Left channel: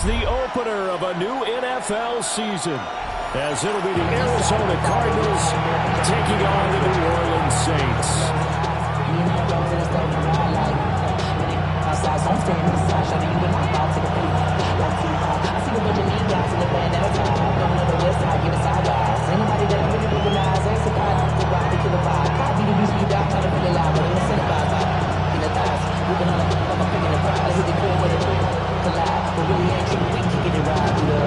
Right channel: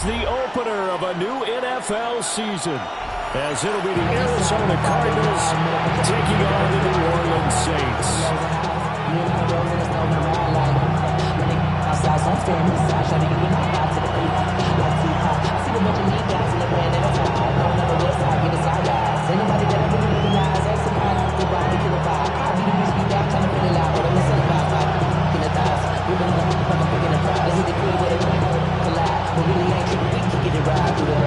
The opener of a new NFL season, as it'll be the Arizona Cardinals taking on the New Orleans Saints. Outside, so I'm standing inside, shutting you and I vibe to the beat. Like Tupac, I see the bunch of mean guys in the brand and a tie. Going on the west side, giving side guys. Ain't nobody that I really recognize. Ain't surprised to ride the killer vibe. I be the beast, be down, trying to feel alive, but I'm incentivized by in the thighs. Ripping on the like I'm picking the pride. I hit the crib with a quick collide, but really ain't tripping. We can get it right through the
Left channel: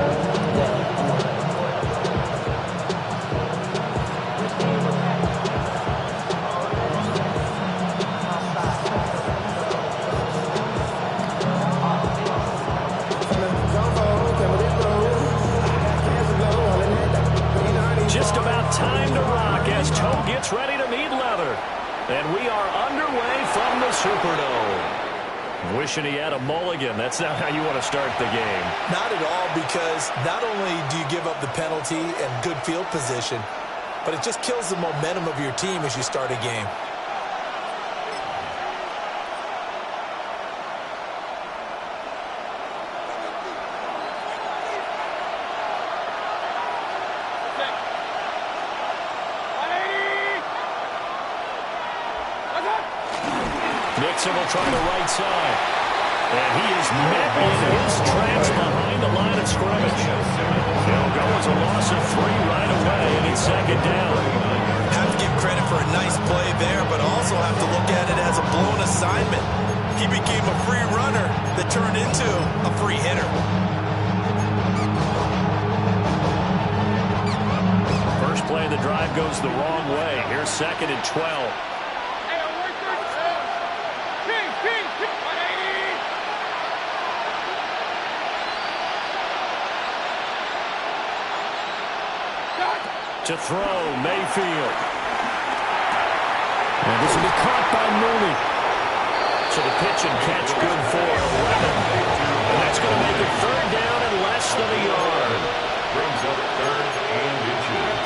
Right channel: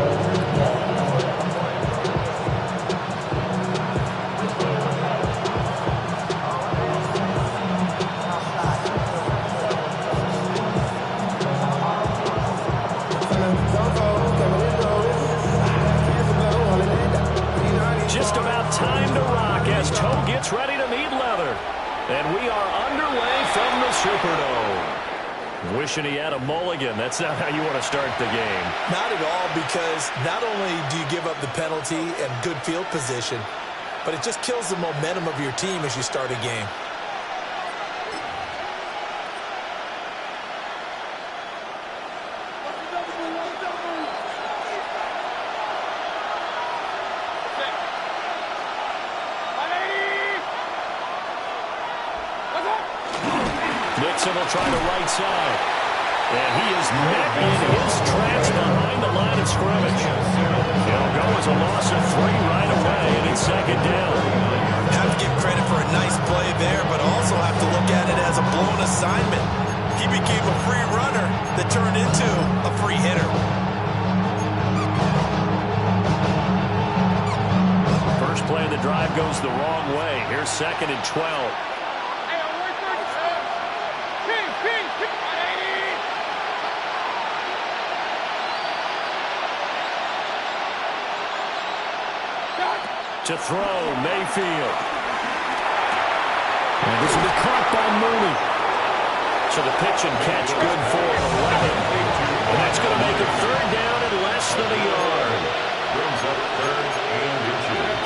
Just about time to rock as Toe gets ready to meet leather. And we are underway from the Superdome. Wishing he had a mulligan. That's not how you want to start the game. Not at all, because not only do you give up the penalty and good field position, but it just kills the momentum of your team as you start a game. Nixon will try the right side. And he is met in his tracks behind the line of scrimmage. He'll go as a loss of 3 right away, and it's second down. Have to give credit for a nice play there, but also have to look at it as a blown assignment. He became a free runner that turned into a free hitter. First play of the drive goes the wrong way. Here's second and 12. To throw, Mayfield. And this will be caught by Mooney. So the pitch and catch good for 11. And that's going to make it third down and less than a yard. Brings up third and inches.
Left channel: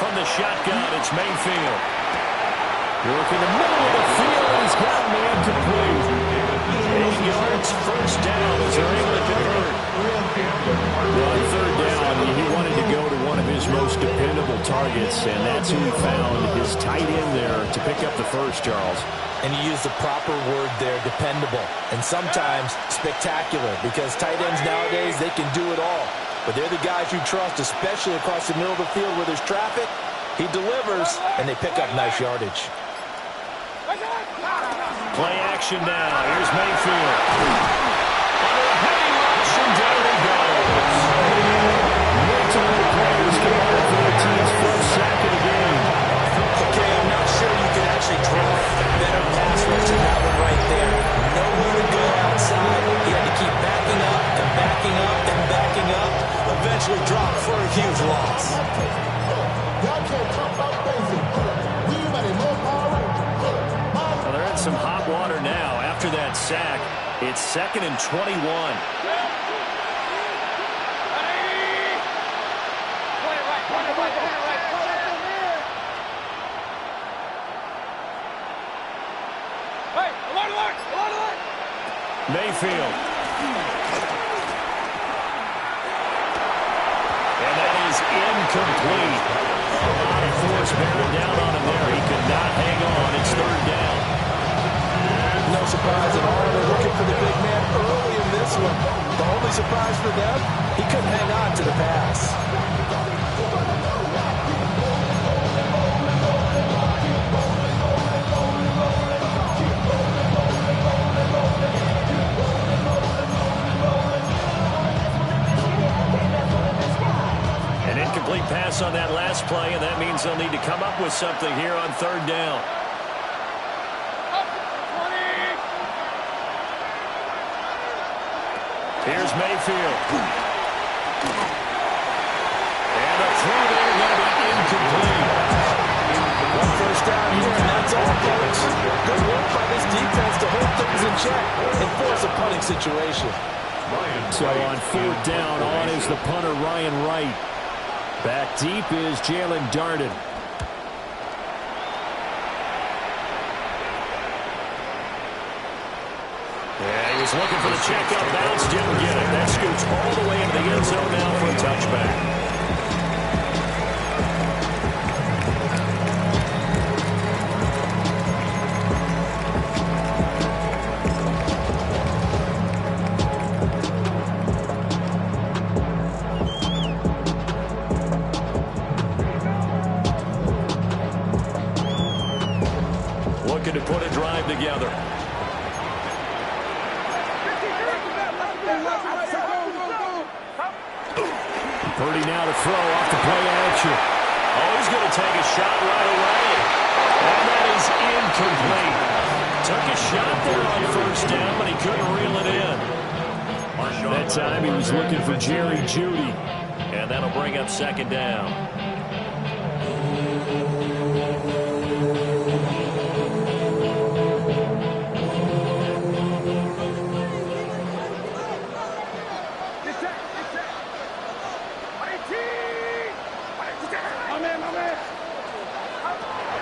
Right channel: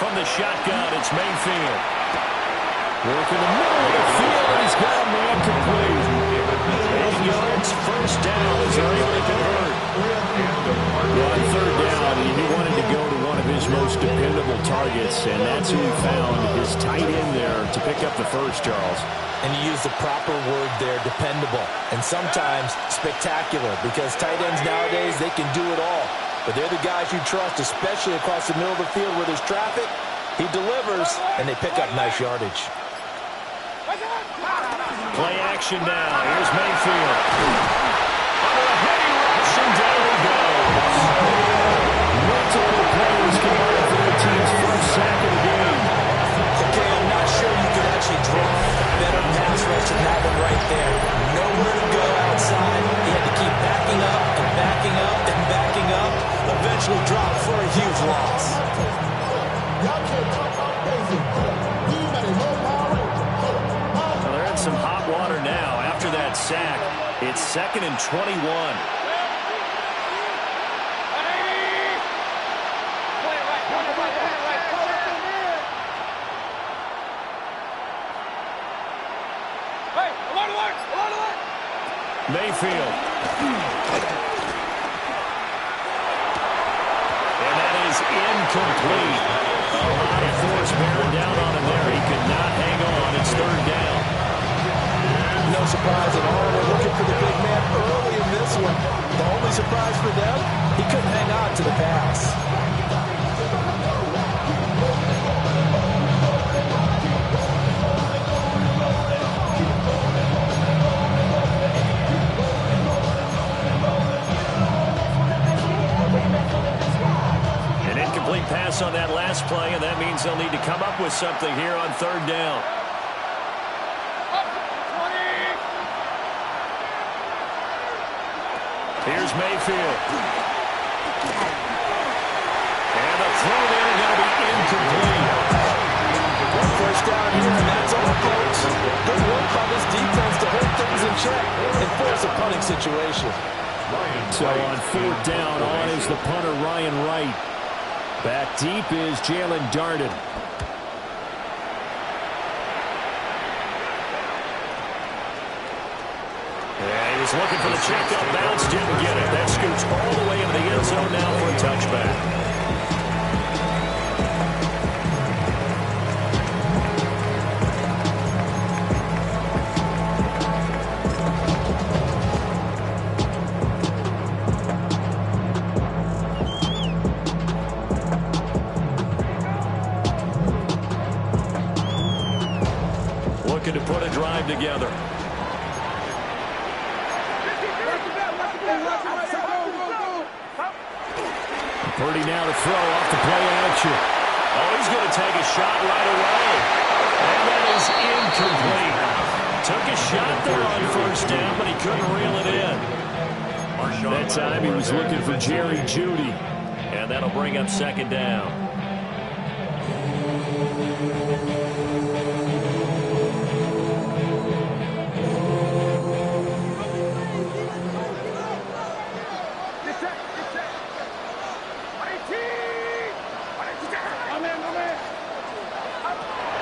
From the shotgun, it's Mayfield. Work in the middle of the field, and he's got a man complete. 8 yards, first down as they're able to convert. Well, on third down, he wanted to go to one of his most dependable targets, and that's who he found, his tight end there, to pick up the first, Charles. And you use the proper word there, dependable, and sometimes spectacular, because tight ends nowadays, they can do it all. But they're the guys you trust, especially across the middle of the field where there's traffic. He delivers, and they pick up nice yardage. Play action now. Here's Mayfield. Under a heavy rush, and down he goes. Multiple players combined for their team's first sack of the game. Okay, I'm not sure you could actually draw a better pass rush than that one right there. Nowhere to go outside. He had to keep backing up and backing up and backing up. Eventually dropped for a huge loss. Y'all can't talk about basic. We better no power. Well, they're in some hot water now. After that sack, it's second and 21. Mayfield. And that is incomplete. A lot of force bearing down on him there. He could not hang on. It's third down. No surprise at all. They're looking for the big man early in this one. The only surprise for them, he couldn't hang on to the pass. An incomplete pass on that last play, and that means they'll need to come up with something here on third down. Here's Mayfield. And the throw there going to be incomplete. One first down here, and that's all, folks. Good work by this defense to hold things in check and force a punting situation. So on fourth down, on is the punter, Ryan Wright. Back deep is Jalen Darden. was looking for the checkup bounce, didn't get it. That scoots all the way into the end zone now for a touchback. Looking to put a drive together. Purdy now to throw off the play action. Oh, he's going to take a shot right away. And that is incomplete. Took a shot there on first down, but he couldn't reel it in. That time he was looking for Jerry Jeudy. And that'll bring up second down.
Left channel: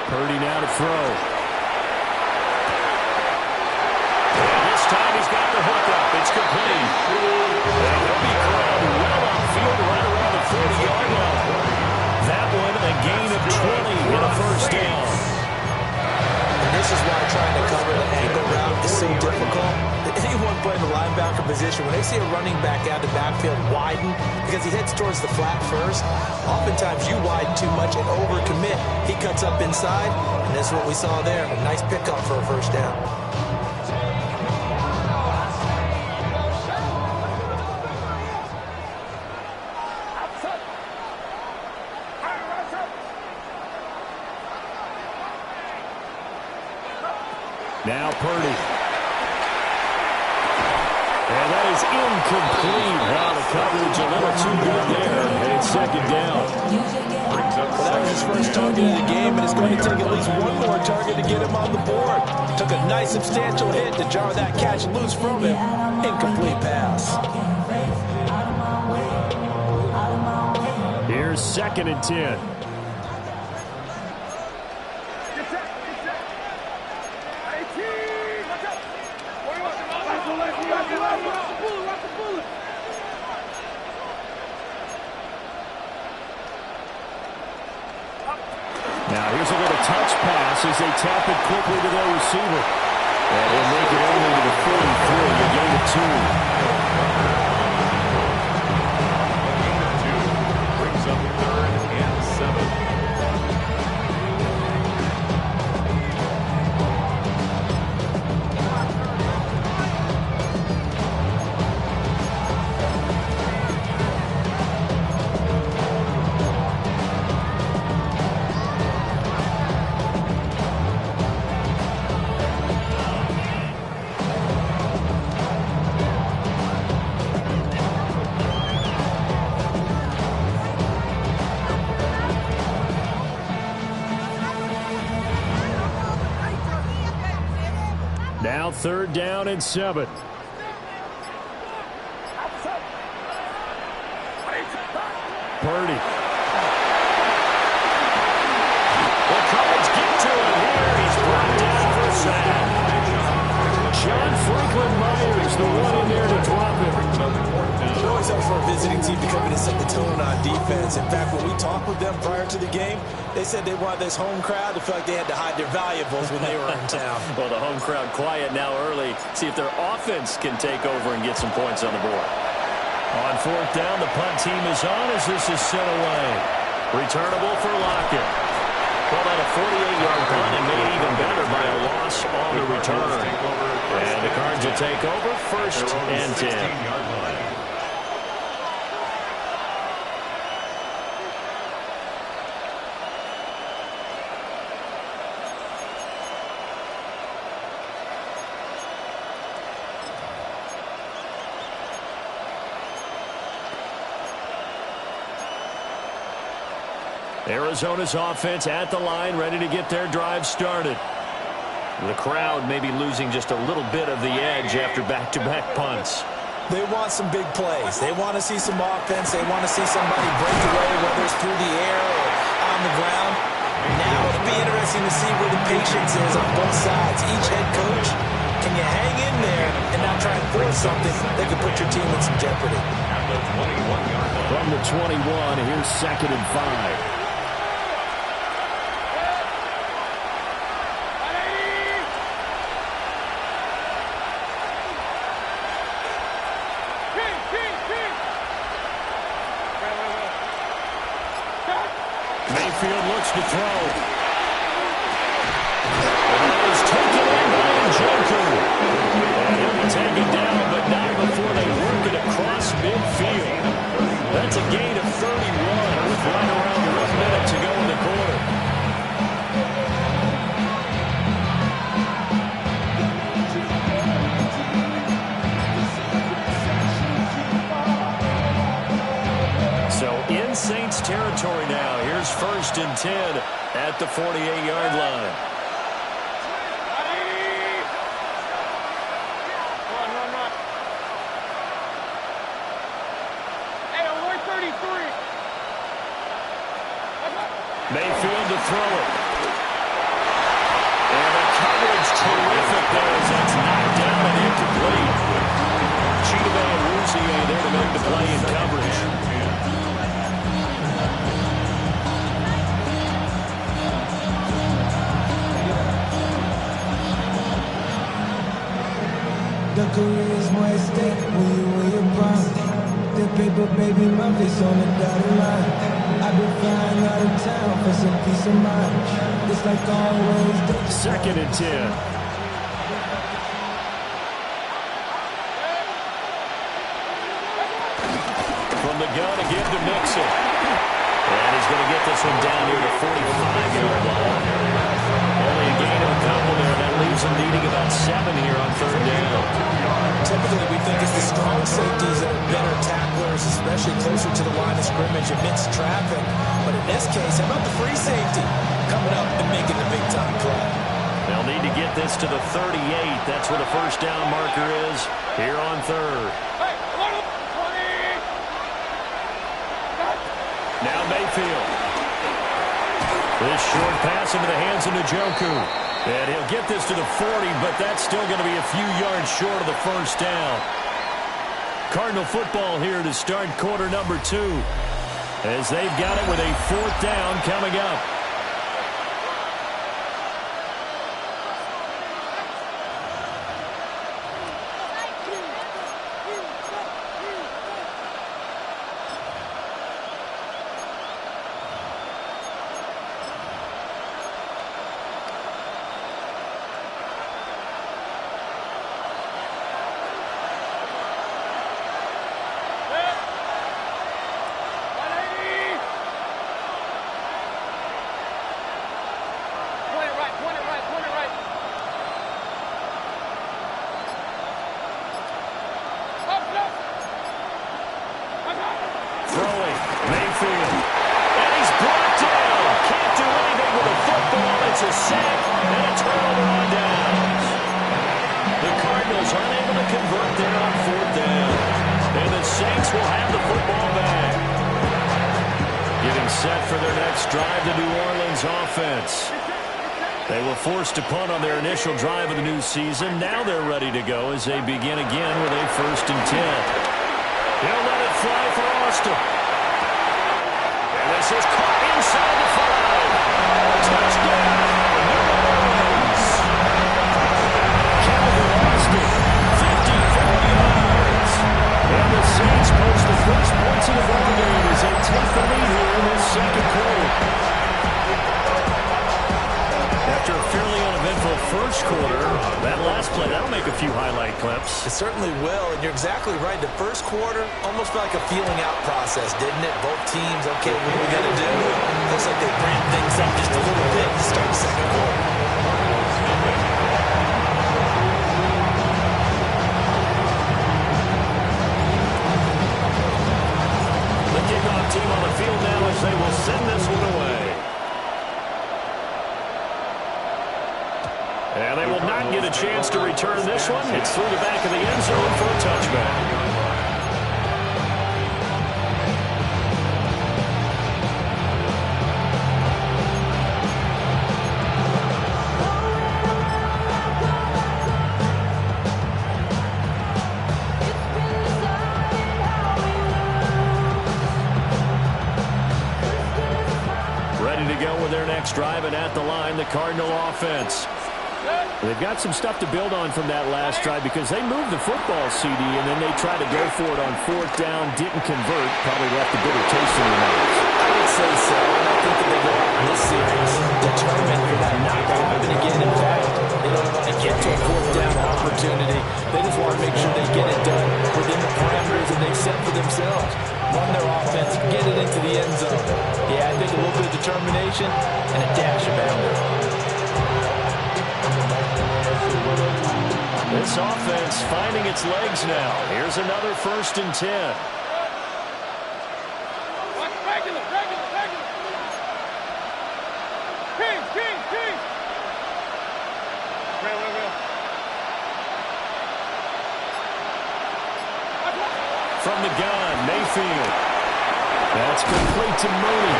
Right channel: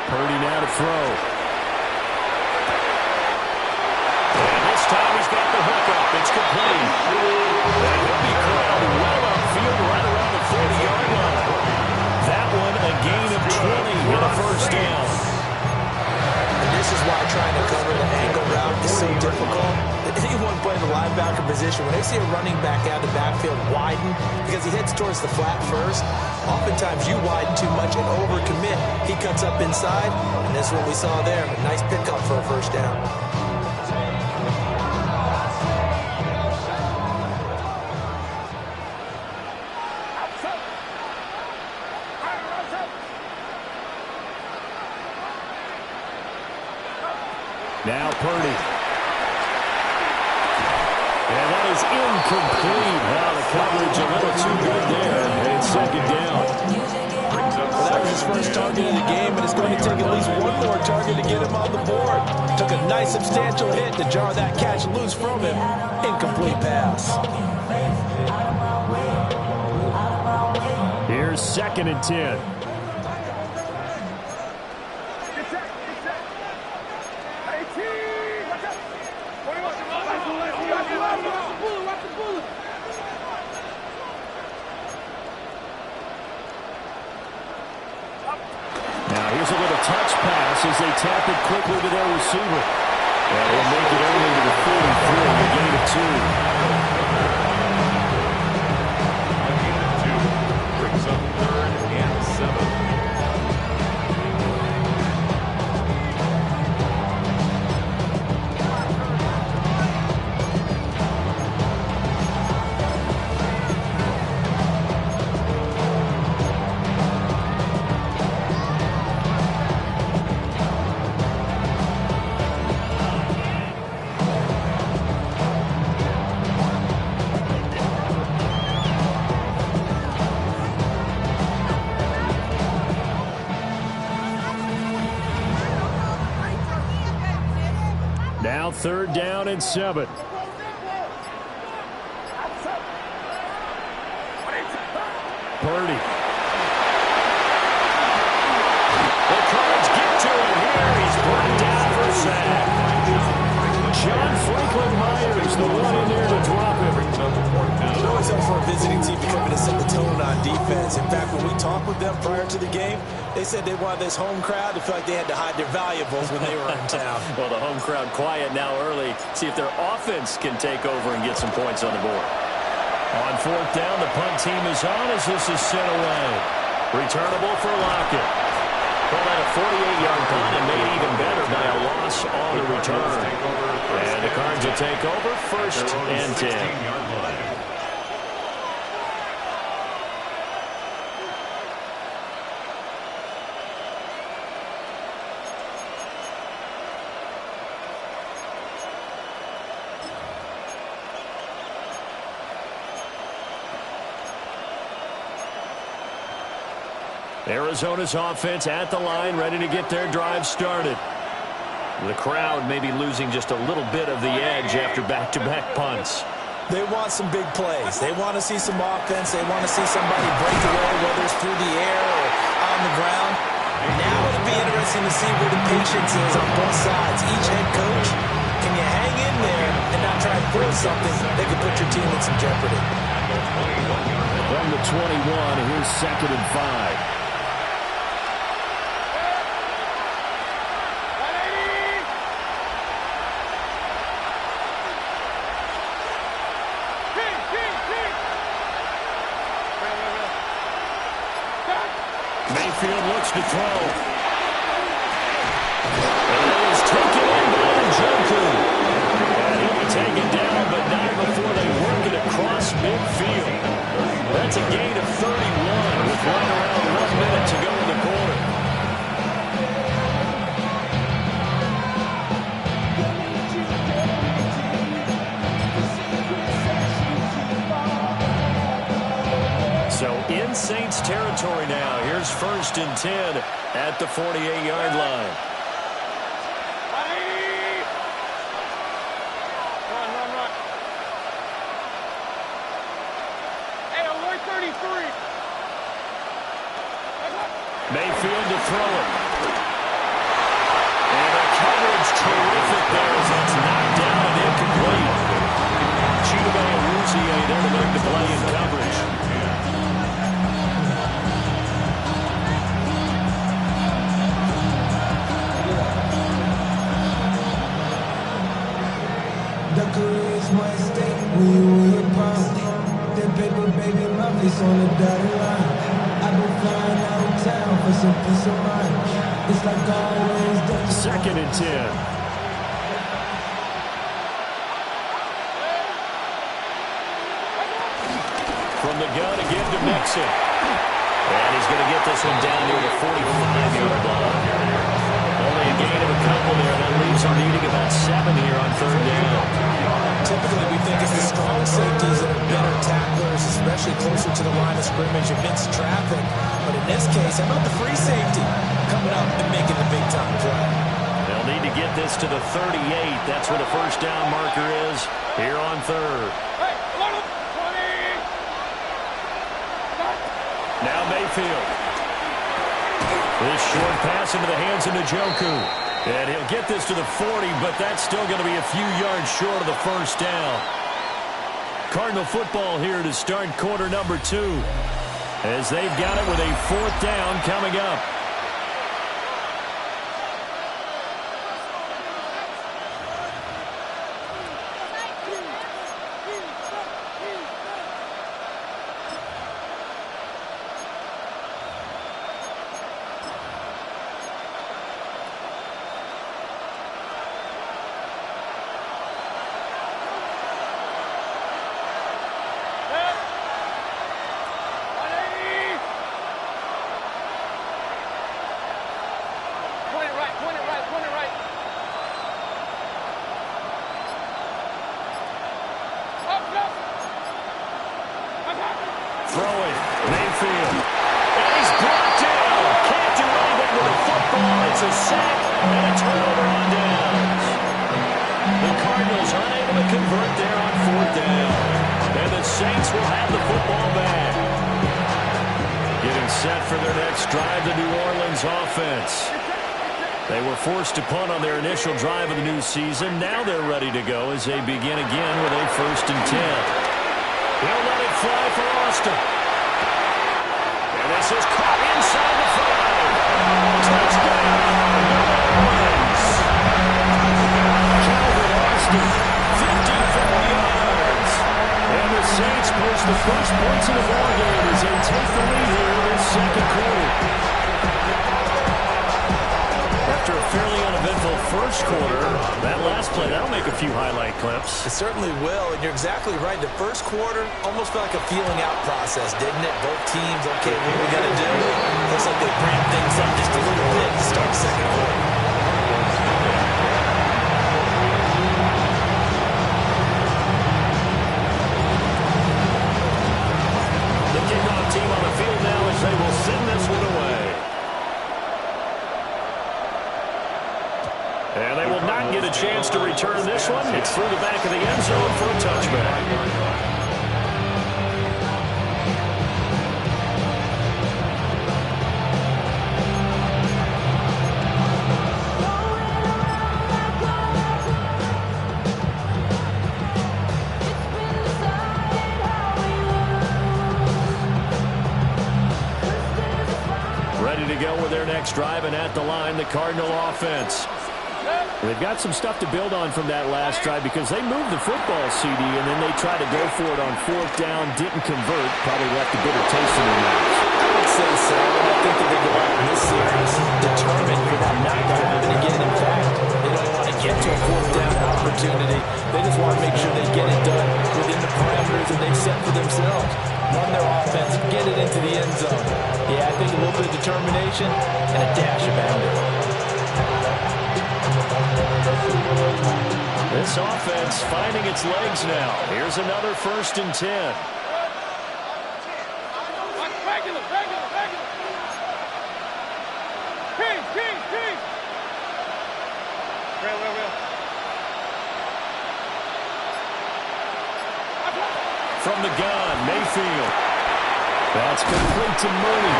Purdy now to throw. And this time he's got the hook up. It's complete. And he'll be corralled well upfield right around the 40-yard line. That one a gain of 20 and a first down. And this is why trying to cover the angle route is so difficult. Anyone playing the linebacker position, when they see a running back out of the backfield widen because he heads towards the flat first, oftentimes you widen too much and overcommit. He cuts up inside, and that's what we saw there. A nice pickup for a first down. Now Purdy. And that is incomplete. Now the coverage a little too good there. And it's second down. Well, that was his first target of the game, and it's going to take at least one more target to get him on the board. Took a nice substantial hit to jar that catch loose from him. Incomplete pass. Here's second and 10. Now here's a little touch pass as they tap it quickly to their receiver. And he'll make it only to the 43, a gain of 2. A gain of 2 brings up 3rd and 7. Now 3rd down and 7. Purdy. The Cards get to him here. He's brought down for a sack. John Franklin Myers, the one in there to drop him. It always helps for a visiting team to come in and set the tone on defense. In fact, when we talked with them prior to the game, they said they wanted this home crowd to feel like they had to hide their valuables when they were in town. Well, the home crowd quiet now early. See if their offense can take over and get some points on the board. On 4th down, the punt team is on as this is sent away. Returnable for Lockett. Well, that a 48-yard punt and made even better by a loss on the return. And the Cards will take over 1st and 10. Arizona's offense at the line, ready to get their drive started. The crowd may be losing just a little bit of the edge after back-to-back punts. They want some big plays. They want to see some offense. They want to see somebody break away, whether it's through the air or on the ground. Now it'll be interesting to see where the patience is on both sides. Each head coach Can you hang in there and not try and force something that could put your team in some jeopardy? At the 21-yard line. From the 21, here's 2nd and 5. Mayfield looks to throw. And that is taken in by Njoku. And he'll be taken down, but not before they work it across midfield. That's a gain of 31 with right around 1 minute to go in the quarter. So in Saints territory now. Here's 1st and 10 at the 48-yard line. Run. Hey, alert 33. Mayfield to throw it. And the coverage terrific there as that's knocked down and incomplete. Chidobe and Rouzier there to make the play in coverage. The career's more at stake when you win your prime. That paper, baby, my face on the dotted line. I've been flying out of town for some peace of mind. It's like always. 2nd and 10. From the gun again to Mixon. And he's going to get this one down near the 45-yard line. Only a gain of a couple there. That leaves him needing about 7 here on 3rd down. Typically, we think it's the strong safeties that are better tacklers, especially closer to the line of scrimmage amidst traffic. But in this case, how about the free safety coming up and making the big-time play? They'll need to get this to the 38. That's where the 1st down marker is here on 3rd. Hey, 20. Now Mayfield. This short pass into the hands of Njoku. And he'll get this to the 40, but that's still going to be a few yards short of the 1st down. Cardinal football here to start quarter number 2, as they've got it with a 4th down coming up. Throwing, Mayfield. And he's brought down. Can't do anything with the football. It's a sack and a turnover on downs. The Cardinals unable to convert there on 4th down. And the Saints will have the football back. Getting set for their next drive, the New Orleans offense. They were forced to punt on their initial drive of the new season. Now they're ready to go as they begin again with a 1st and 10. He'll let it fly for Austin. And this is caught inside the 5. Touchdown, New Orleans. Calvin Austin, 54 yards. And the Saints post the first points of the ball game as they take the lead here in this 2nd quarter. After a fairly uneventful 1st quarter, that last play, that'll make a few highlight clips. It certainly will, and you're exactly right. The 1st quarter almost felt like a feeling out process, didn't it? Both teams, okay, what are we going to do? Looks like they ramped things up just a little bit to start the 2nd quarter. The kickoff team on the field now as they will send this one away. And they will not get a chance to return this one. It's through the back of the end zone for a touchback. quarterback's driving at the line, the Cardinal offense. They've got some stuff to build on from that last drive because they moved the football, CD, and then they tried to go for it on fourth down, didn't convert, probably left a bitter taste in their mouths. I would say so, and I think that they go out in this series determined for that not to happen again. In fact, they don't want to get to a fourth down opportunity. They just want to make sure they get it done within the parameters that they've set for themselves. Run their offense, get it into the end zone. Yeah, I think a little bit of determination and a dash of anger. This offense finding its legs now. Here's another 1st and 10. Regular. King. Real. From the gun, Mayfield. That's complete to Mooney.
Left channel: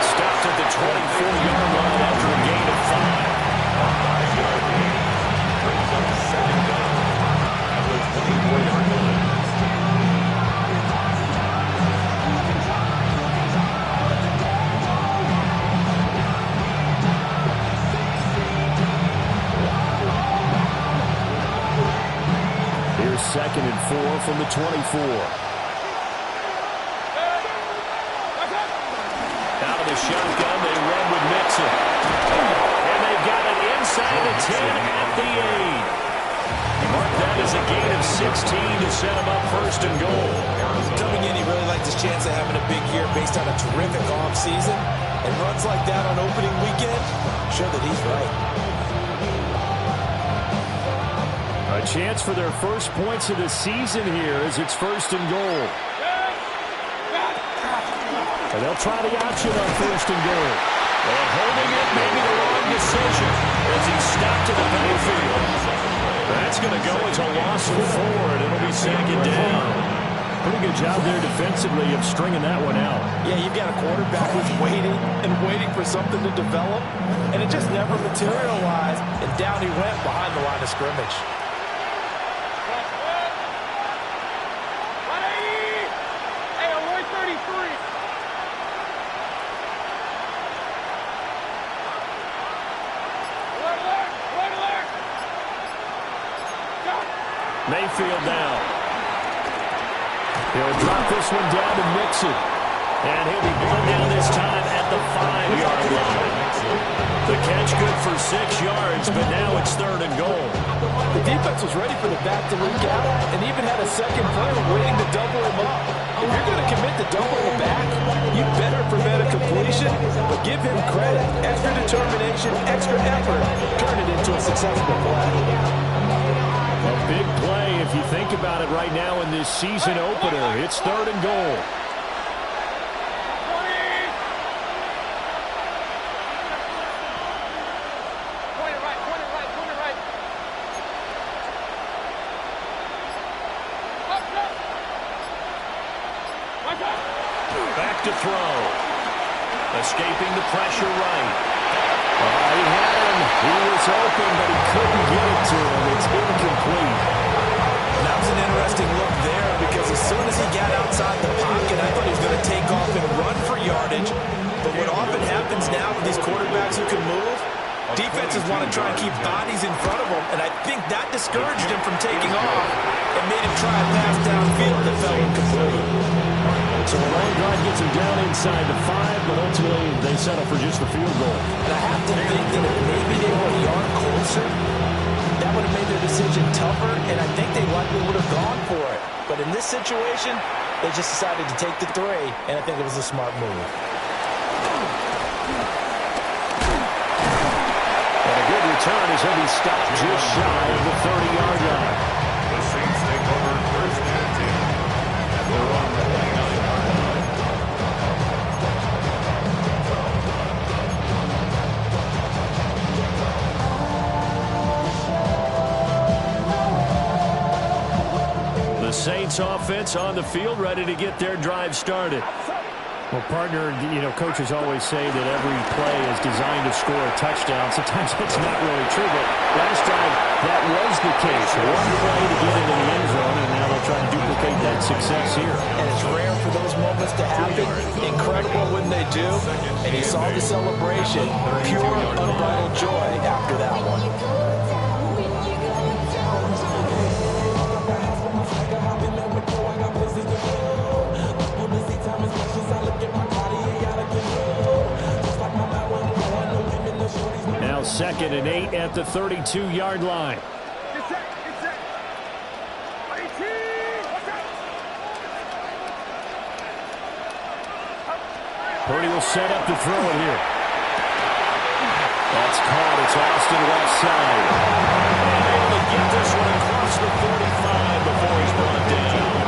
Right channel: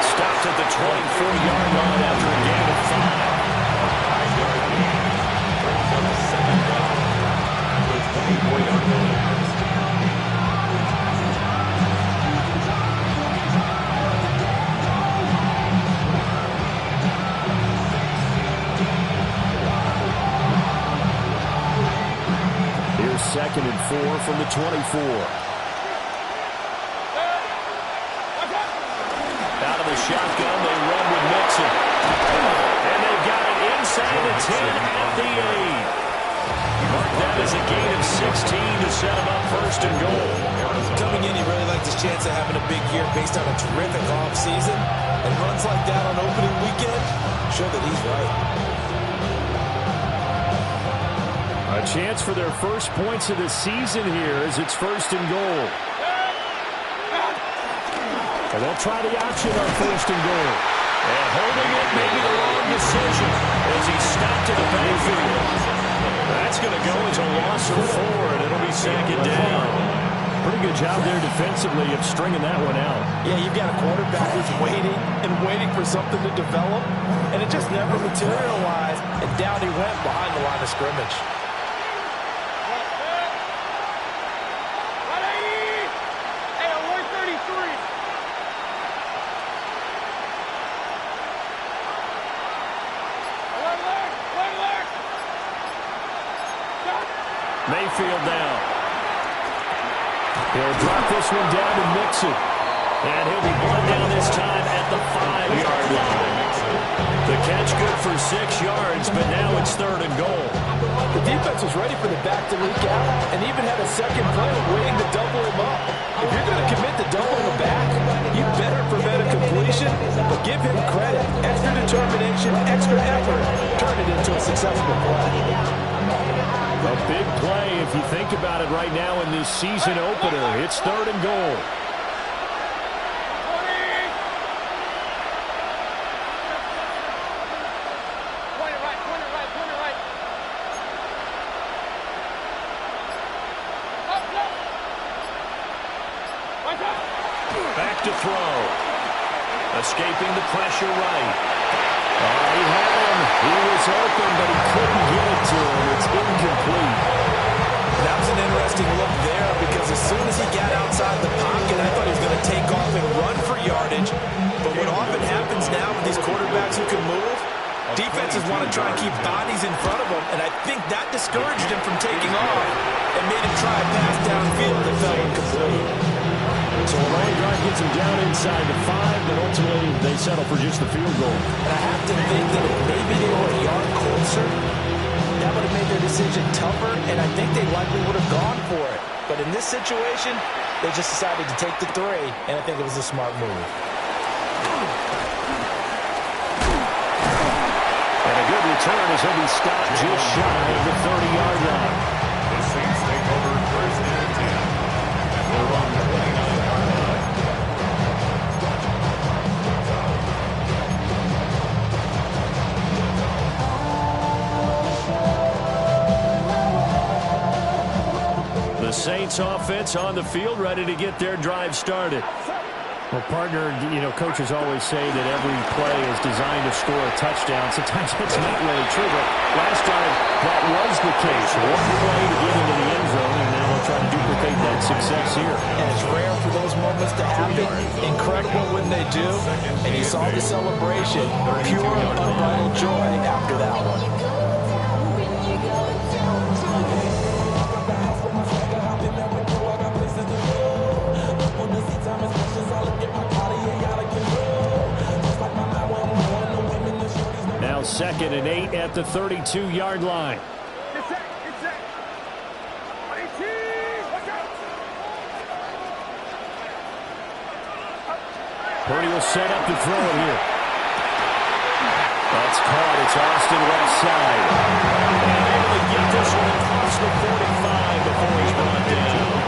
Stopped at the 24-yard line after a gain of 5. A 5-yard gain brings up 2nd down at the 24-yard line. Here's 2nd and 4 from the 24. Out of the shotgun, they run with Mixon. And they've got it inside the 10 at the 8. Mark that as a gain of 16 to set him up 1st and goal. Coming in, he really liked his chance of having a big year based on a terrific offseason. And runs like that on opening weekend show that he's right. A chance for their first points of the season here as it's 1st and goal. And they'll try the option on 1st and goal. And holding it may be the wrong decision as he stopped in the backfield. That's going to go as a loss of 4, and it'll be 2nd down. Pretty good job there defensively of stringing that one out. Yeah, you've got a quarterback who's waiting for something to develop, and it just never materialized, and down he went behind the line of scrimmage. Hey, Roy 33. Mayfield down. He'll drop this one down to Mixon. And he'll be brought down this time at the 5-yard line. The catch good for 6 yards, but now it's 3rd and goal. The defense was ready for the back to leak out and even had a second play waiting to double him up. If you're going to commit to doubling him back, you better prevent a completion, but give him credit. Extra determination, extra effort. Turn it into a successful play. A big play if you think about it right now in this season opener. It's 3rd and goal. Back to throw. Escaping the pressure right. He had him. He was open, but he couldn't get it to him. It's incomplete. That was an interesting look there because as soon as he got outside the pocket, I thought he was going to take off and run for yardage. But what often happens now with these quarterbacks who can move, defenses want to try and keep bodies in front of them, and I think that discouraged him from taking off and made him try a pass downfield that fell incomplete. So a long drive gets him down inside the 5, but ultimately they settle for just the field goal. And I have to think that if maybe they were a yard closer, that would have made their decision tougher, and I think they likely would have gone for it. But in this situation, they just decided to take the 3, and I think it was a smart move. And a good return as he'll be stopped just shy of the 30-yard line. The Saints take over 1st and 10 at their own 29-yard line. The Saints offense on the field ready to get their drive started. Well, partner, you know, coaches always say that every play is designed to score a touchdown. Sometimes that's not really true, but last time that was the case. One play to get into the end zone, and now they'll try to duplicate that success here. And it's rare for those moments to happen. Incredible when they do. And you saw the celebration. Pure, unbridled joy after that one. Now 2nd and 8 at the 32-yard line. Purdy will set up to throw it here. That's caught. It's Austin left side. And able to get this one across the 45 before he's brought down.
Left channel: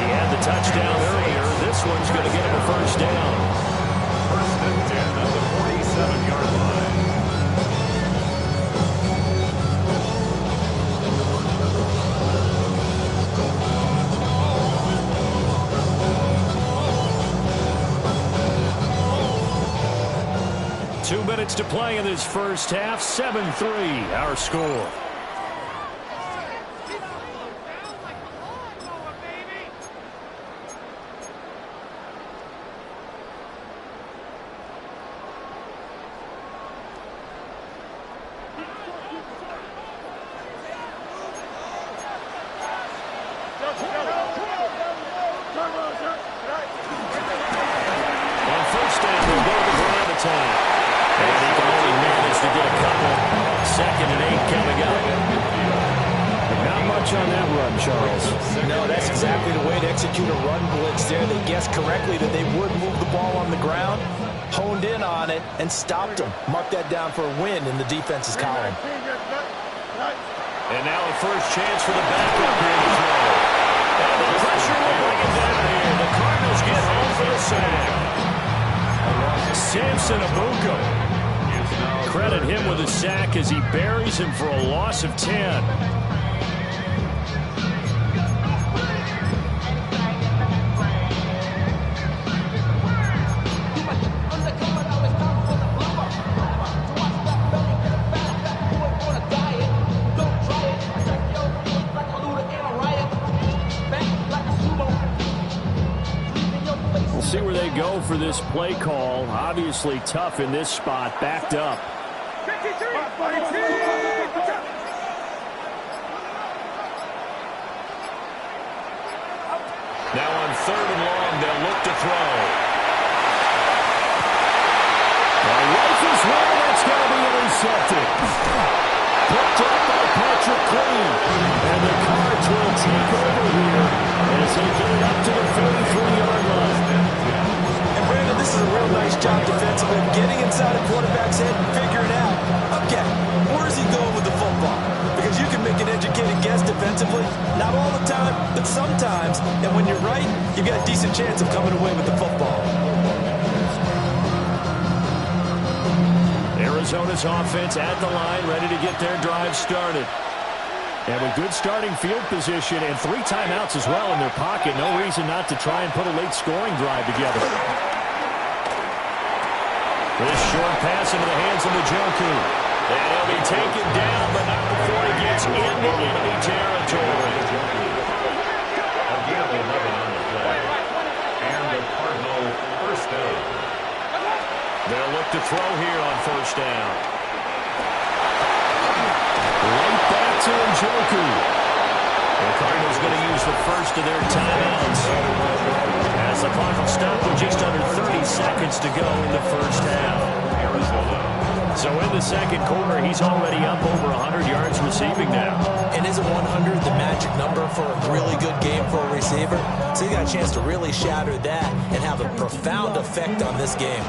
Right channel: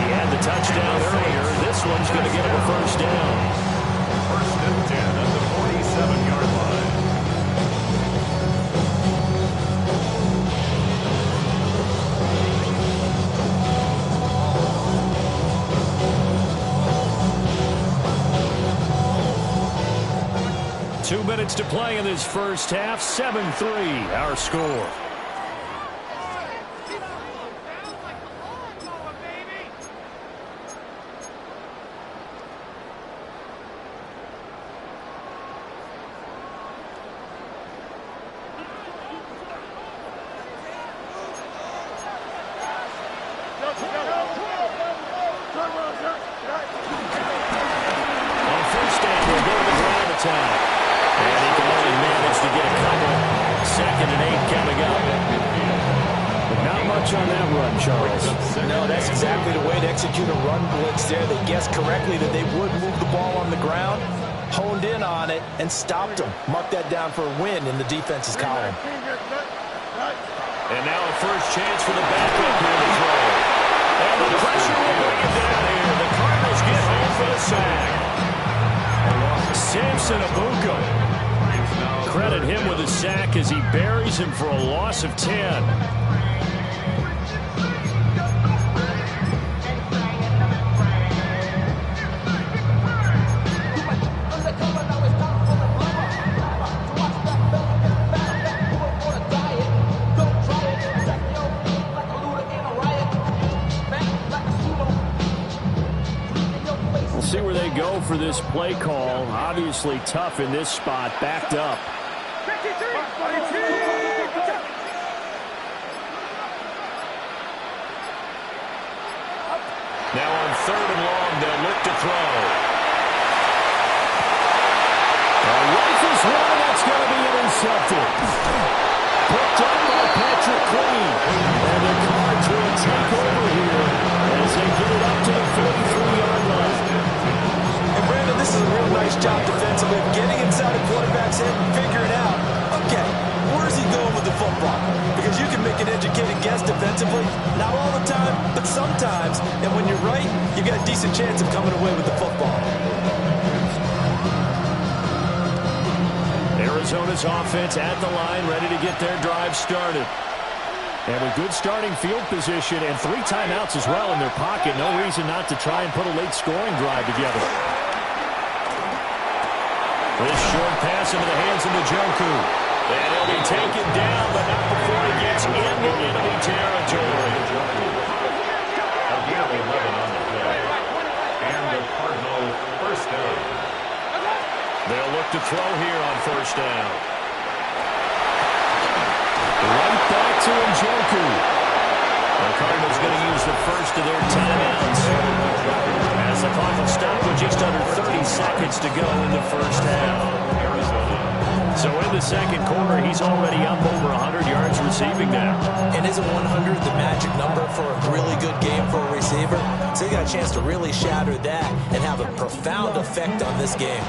He had the touchdown earlier. This one's going to get him a first down. 1st and 10 at the 47-yard line. Two minutes to play in this first half. 7-3, our score. On first down, they'll go to the ground attack. And he can only manage to get a couple. 2nd and 8 coming up. But not much on that run, Charles. No, that's exactly the way to execute a run blitz there. They guessed correctly that they would move the ball on the ground, honed in on it, and stopped them. Mark that down for a win in the defense's column. And now a first chance for the backup here to throw. And the pressure will bring it down here. The Cardinals get home for the sack. Samson Abuka. Credit him with a sack as he buries him for a loss of 10. We'll see where they go for this play call. Obviously tough in this spot, backed up. Now on 3rd and long, they'll look to throw. The rifle's one, that's going to be intercepted. Picked up by Patrick Queen. And the Cards will take over here as they get it up to the 43-yard line. And Brandon, this is a real nice job defensively of getting inside a quarterback's head and figuring out, okay, where's he going with the football? Because you can make an educated guess defensively. Not all the time, but sometimes. And when you're right, you've got a decent chance of coming away with the football. Arizona's offense at the line, ready to get their drive started. And with good starting field position and 3 timeouts as well in their pocket, no reason not to try and put a late scoring drive together. This short pass into the hands of Njoku. And he'll be taken down, but not before he gets into enemy territory. Again, 11 on the play. And the Cardinal first down. They'll look to throw here on first down. Right back to Njoku. The Cardinals going to use the first of their timeouts as the clock will stop with just under 30 seconds to go in the first half. Arizona. So in the second quarter, he's already up over 100 yards receiving now. And isn't 100 the magic number for a really good game for a receiver? So you got a chance to really shatter that and have a profound effect on this game.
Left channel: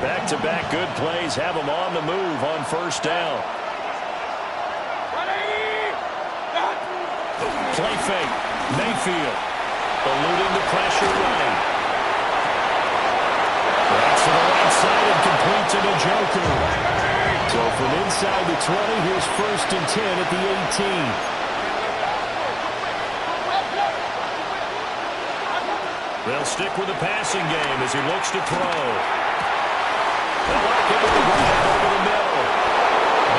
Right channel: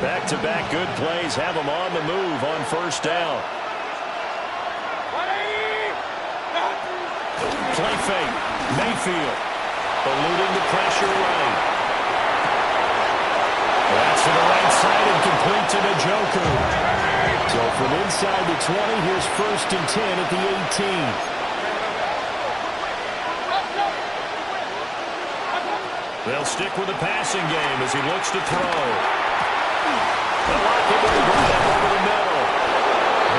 Back-to-back good plays have him on the move on first down. Play fake. Mayfield eluding the pressure right. That's to the right side and complete to Njoku. So from inside the 20, here's 1st and 10 at the 18. They'll stick with the passing game as he looks to throw. They'll lock him with the grab over the middle.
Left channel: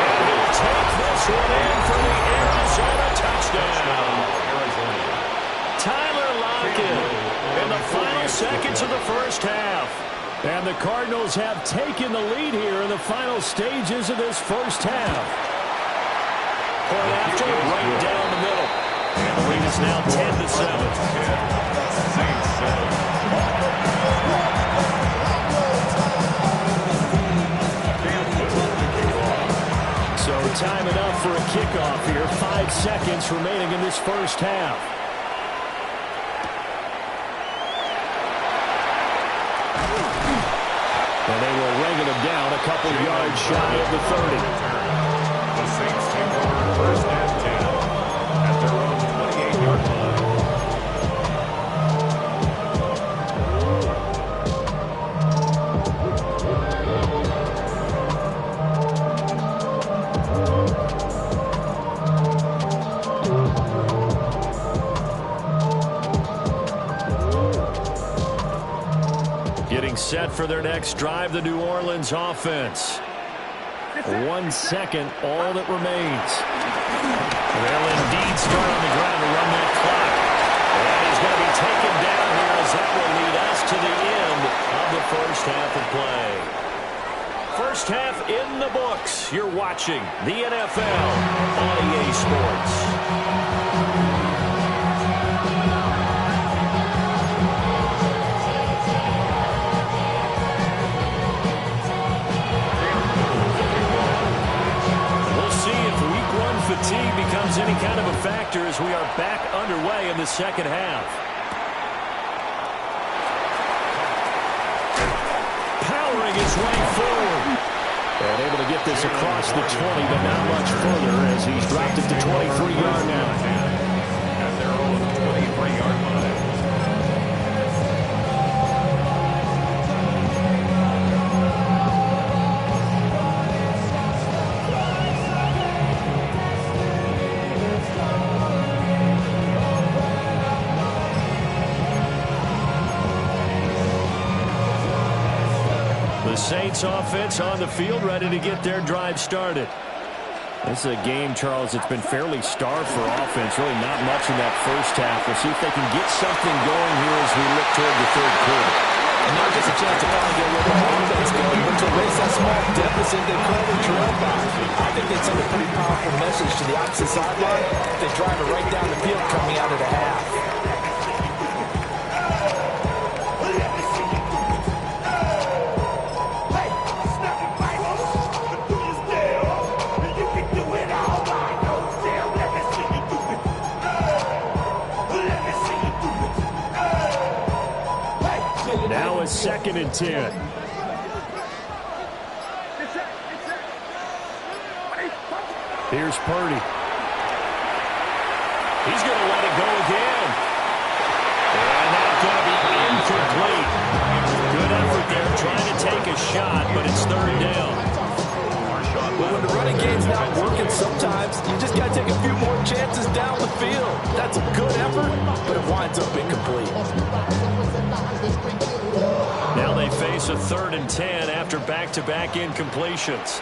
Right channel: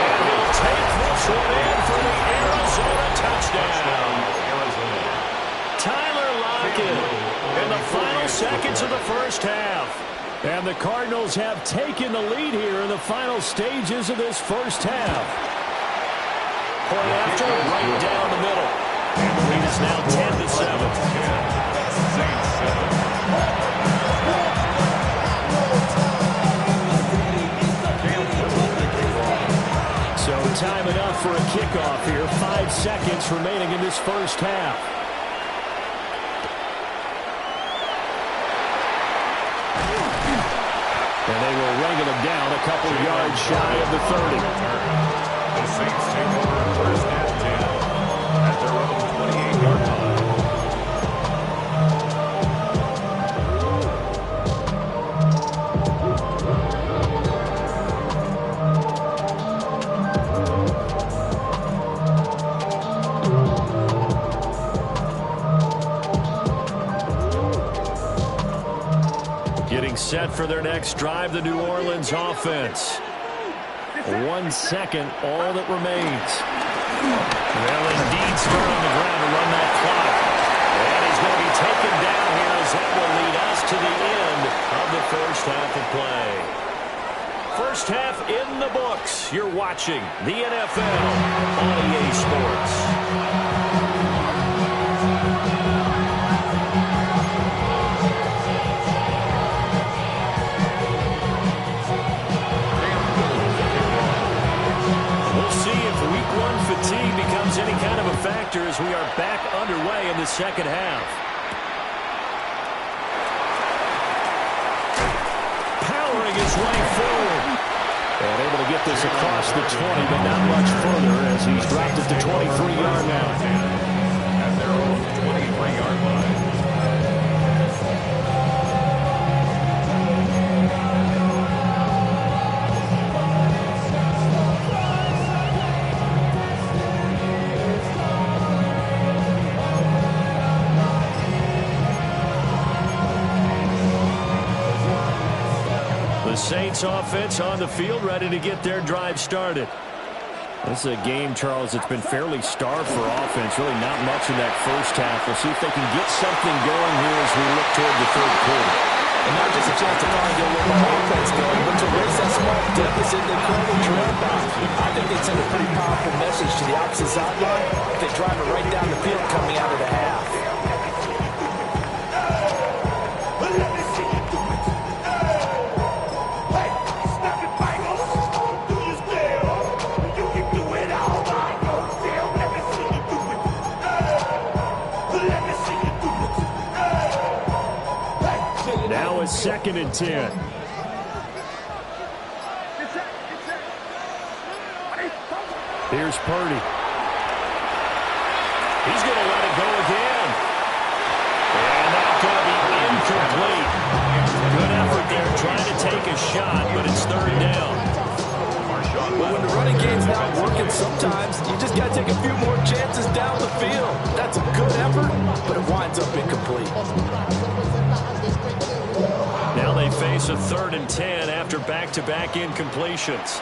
And he'll take this one in for the Arizona touchdown. Arizona. Tyler Lockett in the final seconds of the first half. And the Cardinals have taken the lead here in the final stages of this first half. Point after, right down the middle. And the lead is now 10-7. Saints 7. So time enough for a kickoff here. 5 seconds remaining in this first half. And they will wrangle him down a couple yards shy of the 30. The Saints take over first and 10 at their own 28-yard line. Getting set for their next drive, the New Orleans offense. 1 second, all that remains. They'll indeed start on the ground to run that clock. And he's going to be taken down here as that will lead us to the end of the first half of play. First half in the books. You're watching the NFL on EA Sports. Fatigue becomes any kind of a factor as we are back underway in the second half. Powering his way forward. And able to get this across the 20, but not much further as he's dropped it to 23-yard line. At their own 23-yard line. The Saints offense on the field, ready to get their drive started. This is a game, Charles, that's been fairly starved for offense. Really not much in that first half. We'll see if they can get something going here as we look toward the third quarter. And not just a chance to finally get a little more offense going, but to erase that small deficit they currently trailed by. I think they'd send a pretty powerful message to the opposite sideline if they drive it right down the field coming out of the half. Now it's 2nd and 10. Here's Purdy. He's going to let it go again. And that's going to be incomplete. Good effort there trying to take a shot, but it's 3rd down. But when the running game's not working, sometimes you just got to take a few more chances down the field. That's a good effort, but it winds up incomplete. Now they face a 3rd and 10 after back-to-back incompletions.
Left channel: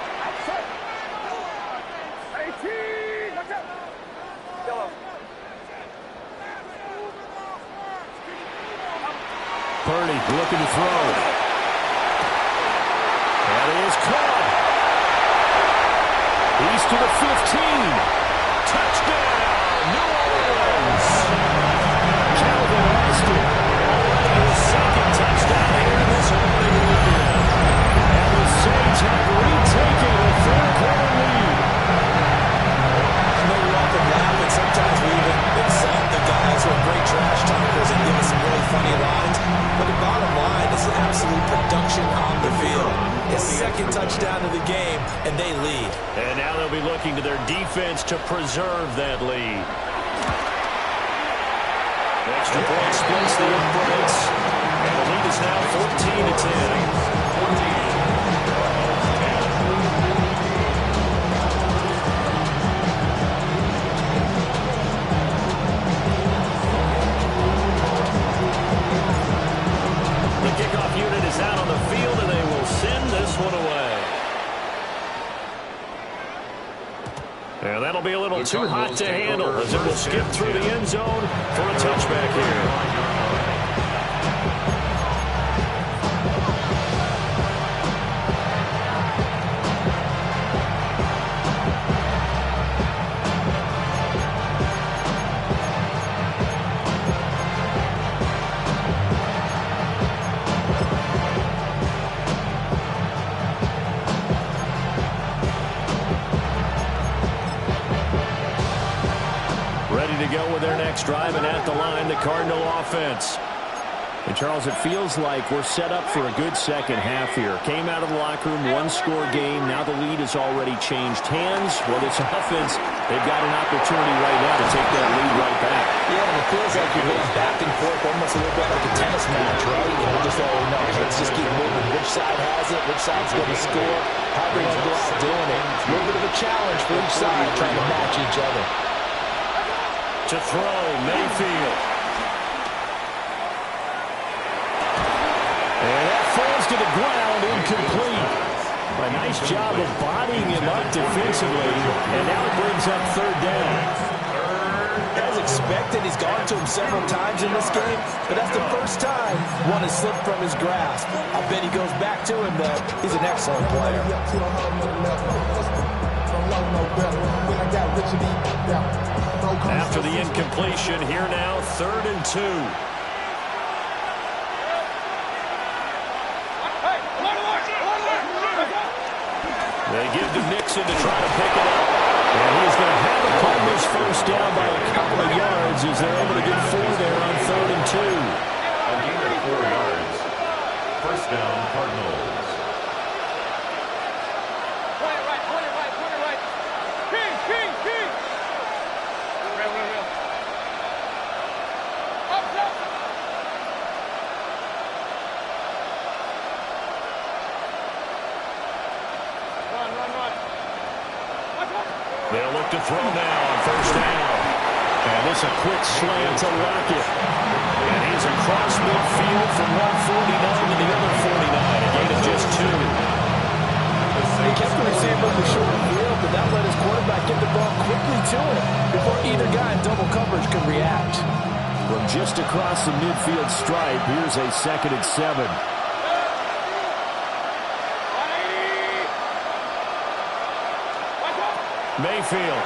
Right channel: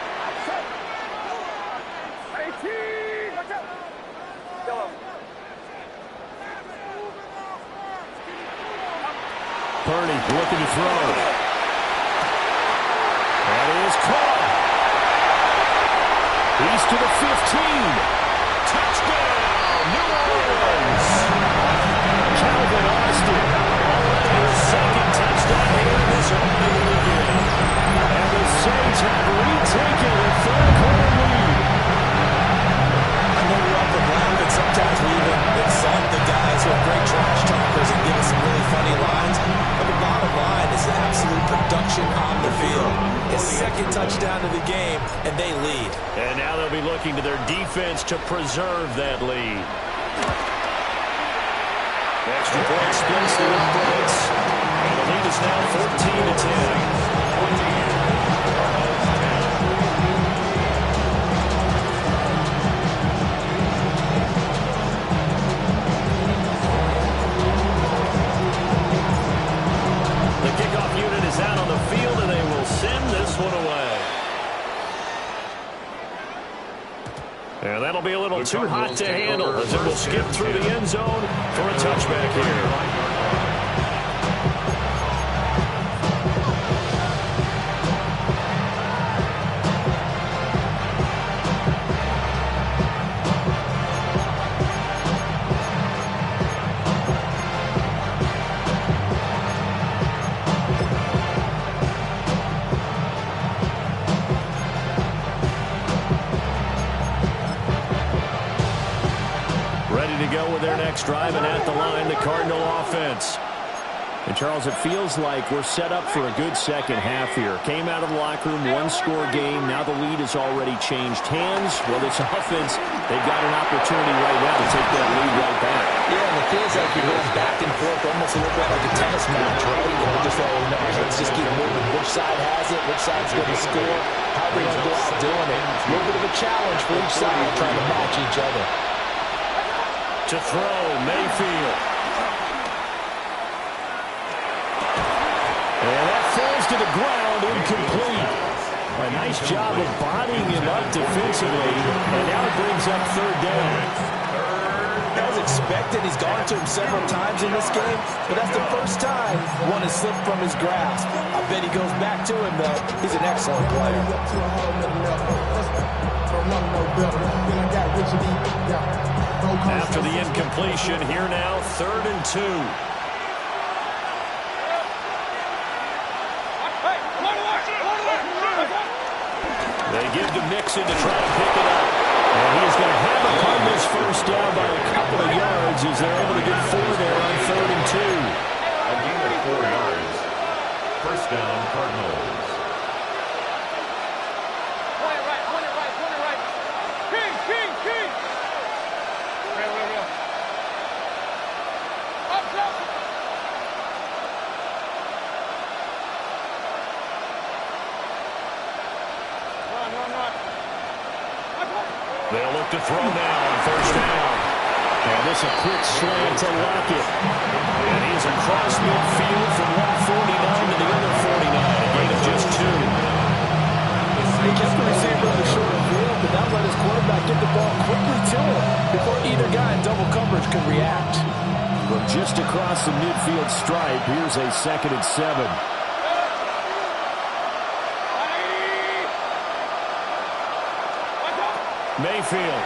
Purdy looking to throw. That is caught. He's to the 15. Touchdown, New Orleans. Calvin Austin, already his 2nd touchdown here in this opening weekend. And the Saints have retaken a third-quarter lead. I know we often laugh, and sometimes we even insult the guys who are great trash talkers and give us some really funny lines. But the bottom line is absolute production on the field. His 2nd touchdown of the game, and they lead. And now they'll be looking to their defense to preserve that lead. Extra point splits the uprights. And the lead is now 14-10. 14. And that'll be a little too hot to handle as it will skip through the end zone for a touchback here. Ready to go with their next drive, and at the line, the Cardinal offense. And, Charles, it feels like we're set up for a good second half here. Came out of the locker room, one-score game. Now the lead has already changed hands. Well, this offense, they've got an opportunity right now to take that lead right back. Yeah, and it feels like you're going back and forth almost a little bit like a tennis match, right? You know, just all we know. Let's just keep moving. Which side has it? Which side's going to score? How are they going to go out doing it? A little bit of a challenge for each side trying to match each other. To throw, Mayfield. And that falls to the ground, incomplete. A nice job of bodying him up defensively, and now it brings up third down. As expected, he's gone to him several times in this game, but that's the first time one has slipped from his grasp. I bet he goes back to him, though. He's an excellent player. After the incompletion, here now, 3rd and 2. They give to Mixon to try to pick it up. And he's going to have a Cardinals first down by a couple of yards as they're able to get 4 there on 3rd and 2. A gain of 4 yards. First down, Cardinals. Point it right. King. Real. Up. Run. They'll look to throw now on first down. And this a quick slant to Lockett. And he's across midfield from 149 to the other 49. A gain of just 2. He kept the receiver in the short field, but that let his quarterback get the ball quickly to him before either guy in double coverage could react. From just across the midfield stripe, here's a 2nd and 7. Mayfield.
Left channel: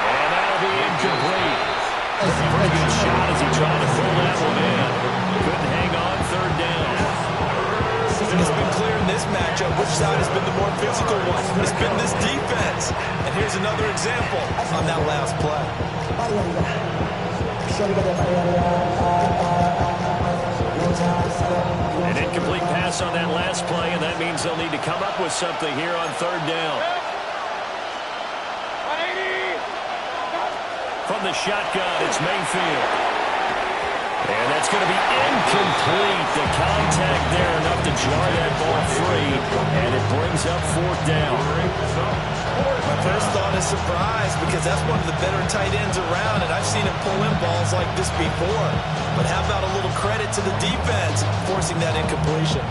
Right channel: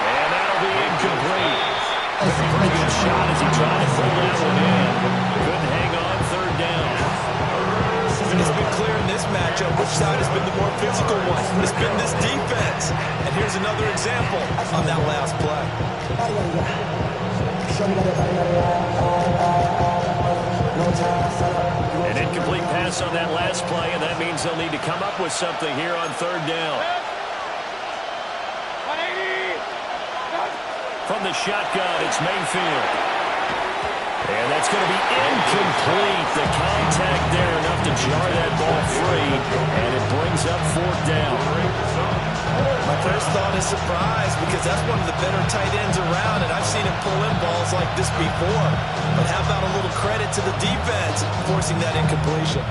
And that'll be incomplete. Pretty good shot as he tried to pull that one in. Couldn't hang on, 3rd down. It's been clear in this matchup which side has been the more physical one. It's been this defense. And here's another example on that last play. An incomplete pass on that last play, and that means they'll need to come up with something here on 3rd down. 180. From the shotgun, it's Mayfield. And that's going to be incomplete. The contact there enough to jar that ball free, and it brings up 4th down. My first thought is surprise because that's one of the better tight ends around, and I've seen him pull in balls like this before. But how about a little credit to the defense forcing that incompletion?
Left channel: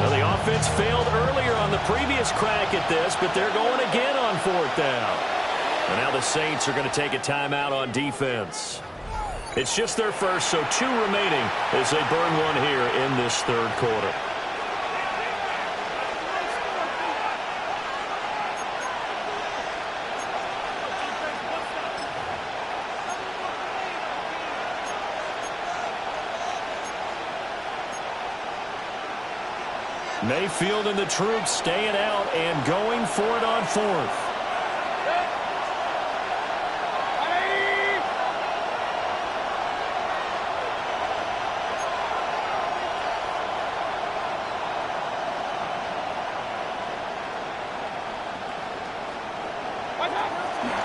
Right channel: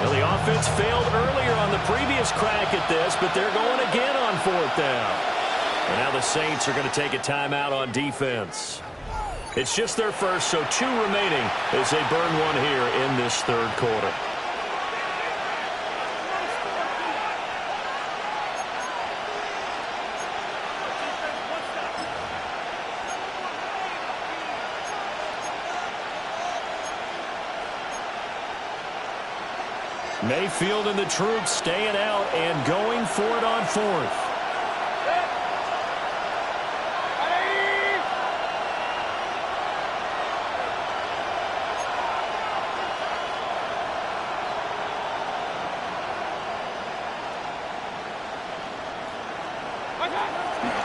Well, the offense failed earlier on the previous crack at this, but they're going again on 4th down. And now the Saints are going to take a timeout on defense. It's just their first, so 2 remaining as they burn one here in this 3rd quarter. Mayfield and the troops staying out and going for it on 4th.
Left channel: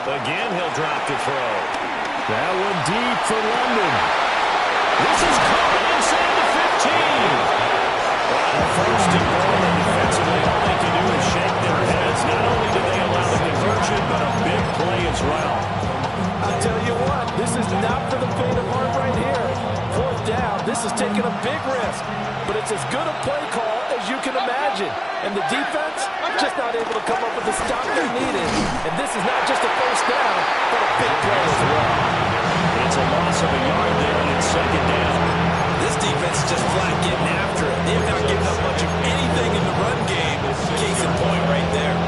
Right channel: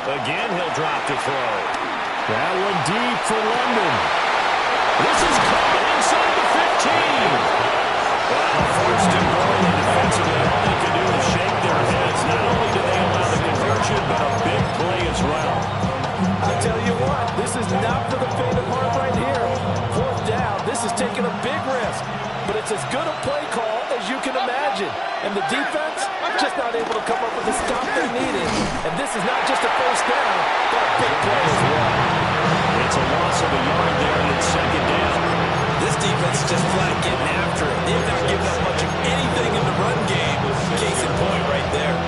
Again, he'll drop to throw. That one deep for London. This is caught inside the 15. Wow, 1st and goal, and defensively, all they can do is shake their heads. Not only did they allow the conversion, but a big play as well. I tell you what, this is not for the faint of heart right here. Fourth down, this is taking a big risk. But it's as good a play call as you can imagine. And the defense just not able to come up with the stop they needed. And this is not just a first down, but a big play as well. It's a loss of a yard there, and it's second down. This defense is just flat getting after it. They have not given up much of anything in the run game. Case in point right there.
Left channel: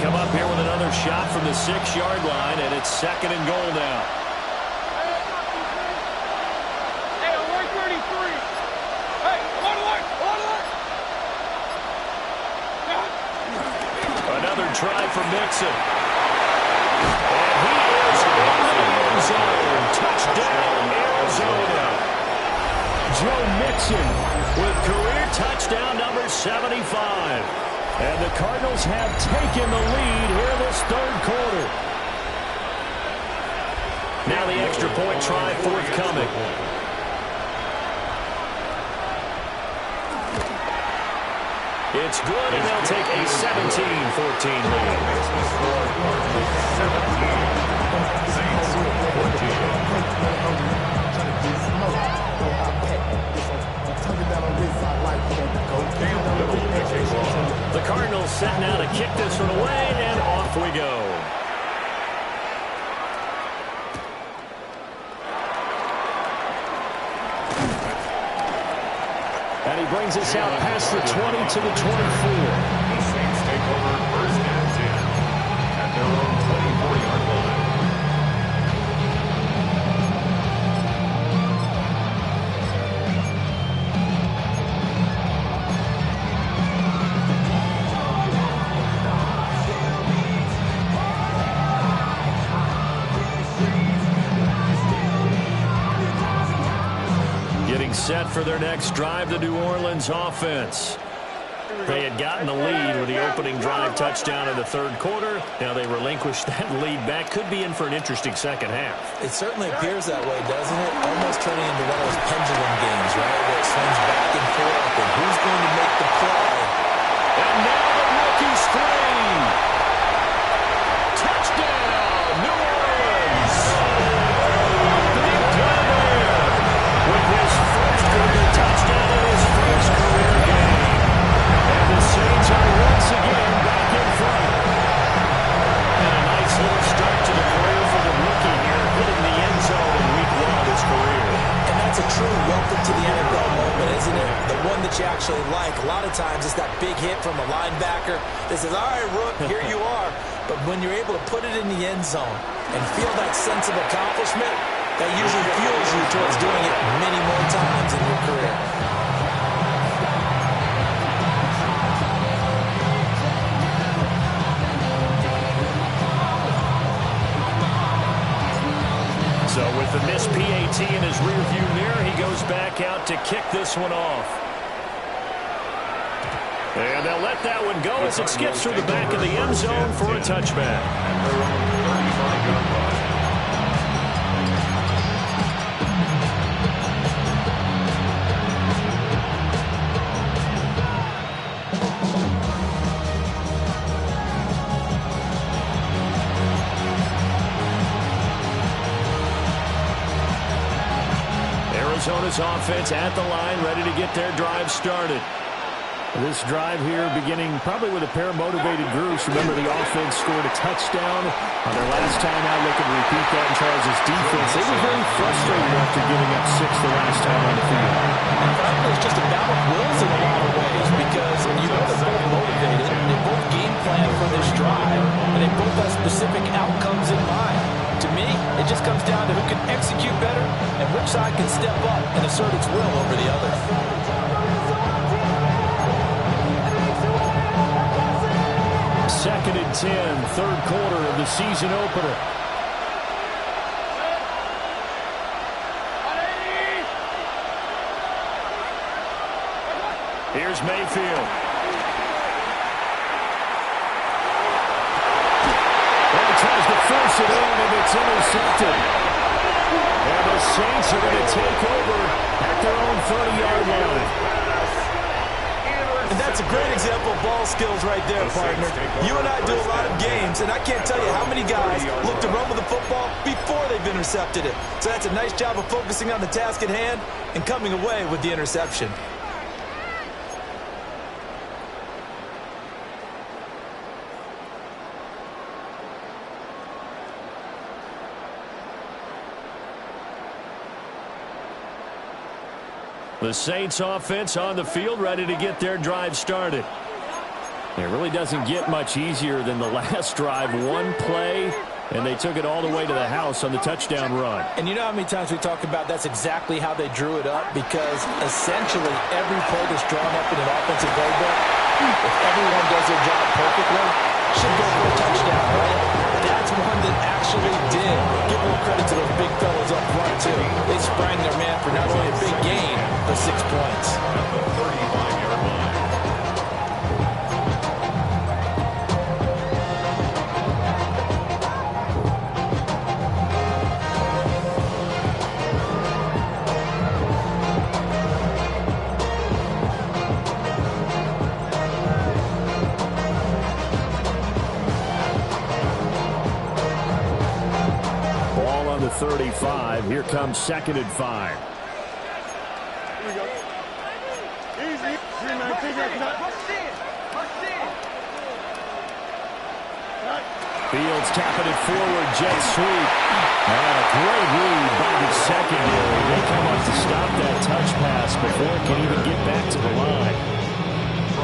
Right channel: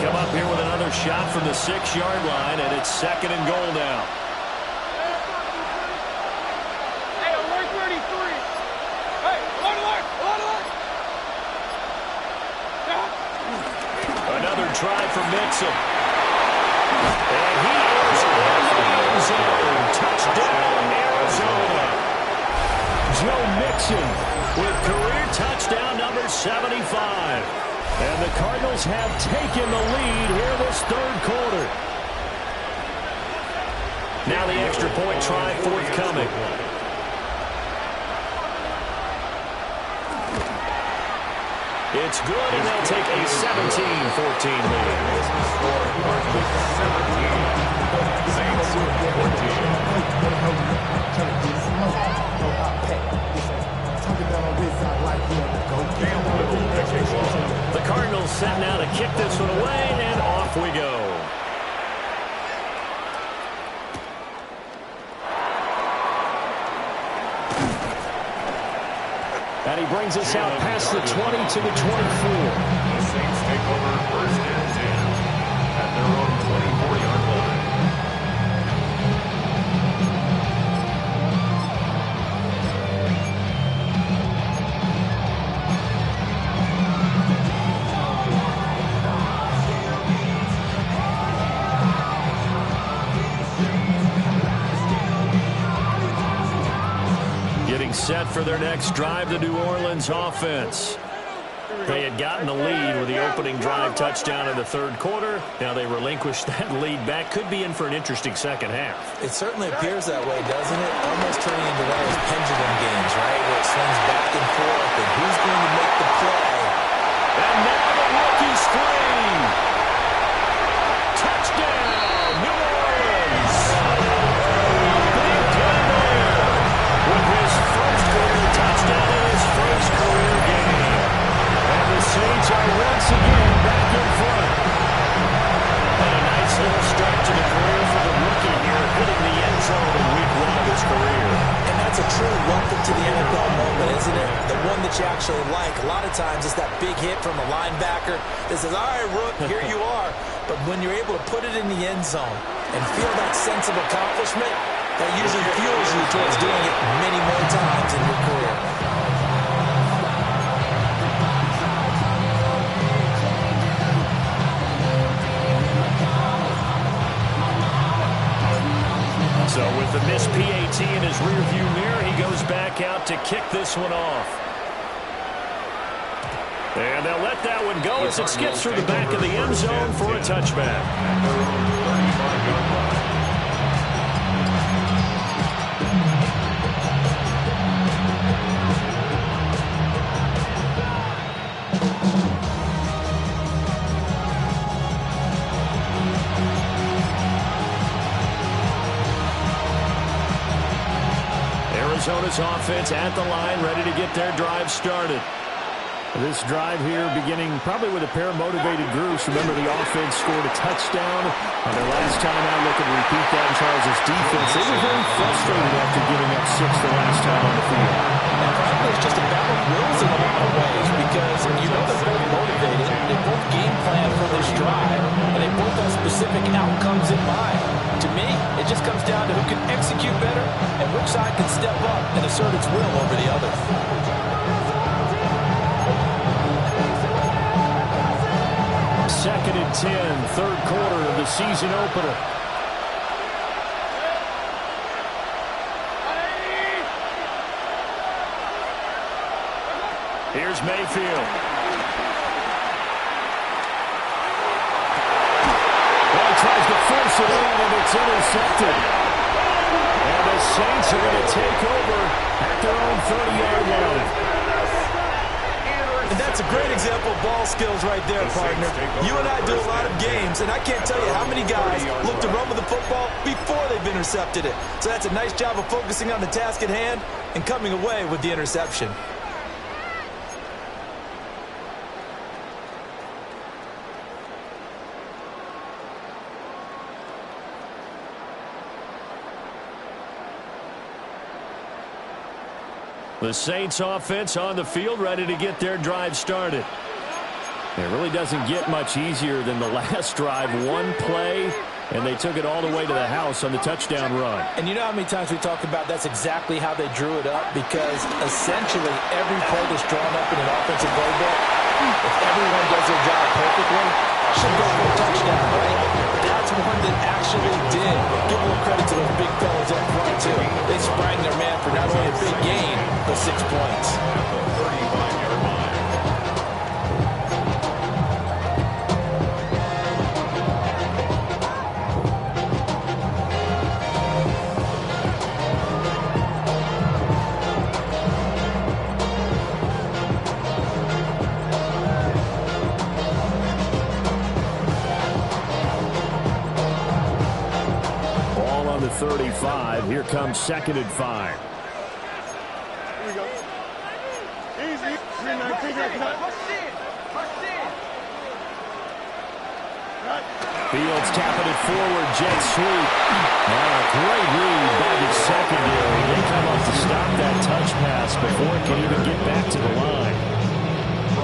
Come up here with another shot from the 6-yard line, and it's second and goal now. Hey, alert 33. Hey, alert, alert, alert, alert. Another try for Mixon. And he is into the end zone. Touchdown, Arizona. Joe Mixon with career touchdown number 75. And the Cardinals have taken the lead here this third quarter. Now the extra point try forthcoming. It's good, and they'll take a 17-14 lead. The Cardinals set now to kick this one away, and off we go. And he brings us out past the 20 to the 24. The Saints take over first and 10 at their own 24-yard line. Getting set for their next drive, the New Orleans offense. They had gotten the lead with the opening drive touchdown in the third quarter. Now they relinquished that lead back. Could be in for an interesting second half. It certainly appears that way, doesn't it? Almost turning into one of those pendulum games, right, where it swings back and forth, and who's going to make the play? And now the rookie's free. Touchdown, New Orleans. Big play there with his first career touchdown in his first career game. And the Saints are once again back in front. And a nice little start to the career for the rookie here, hitting the end zone in week 1 of his career. And that's a true welcome to the NFL moment, isn't it? The one that you actually like. A lot of times it's that big hit from a linebacker that says, all right, Rook, here you are. But when you're able to put it in the end zone and feel that sense of accomplishment, that usually fuels you towards doing it many more times in your career. So with the missed PAT in his rearview mirror, he goes back out to kick this one off. And they'll let that one go as it skips through the back of the end zone for a touchback. At their own 35-yard line. Arizona's offense at the line, ready to get their drive started. This drive here beginning probably with a pair of motivated groups. Remember, the offense scored a touchdown on their last time out. Looking to repeat that in Charles' defense. They were very frustrated after giving up 6 the last time on the field. And frankly, it's just a battle of wills in a lot of ways because you know they're both motivated. They both game plan for this drive, and they both have specific outcomes in mind. To me, it just comes down to who can execute better and which side can step up and assert its will over the other. Second and 10, third quarter of the season opener. Here's Mayfield. Well, he tries to force it in, and it's intercepted. And the Saints are going to take over at at their own 30-yard line. And that's a great example of ball skills right there, partner. You and I do a lot of games, and I can't tell you how many guys look to run with the football before they've intercepted it. So that's a nice job of focusing on the task at hand and coming away with the interception. The Saints offense on the field, ready to get their drive started. It really doesn't get much easier than the last drive. One play, and they took it all the way to the house on the touchdown run. And you know how many times we talk about that's exactly how they drew it up? Because essentially every play that's drawn up in an offensive playbook, if everyone does their job perfectly, should go for a touchdown, right? That's one that actually did. Give a little credit to those big fellas up front, too. They sprang their man for not only a big gain, but 6 points. At the 35-yard line. Ball on the 35. Here comes 2nd and 5. Here we go. Easy. 319. Fields tapping it forward. Jet sweep. A great read by the secondary. They come up to stop that touch pass before it can even get back to the line.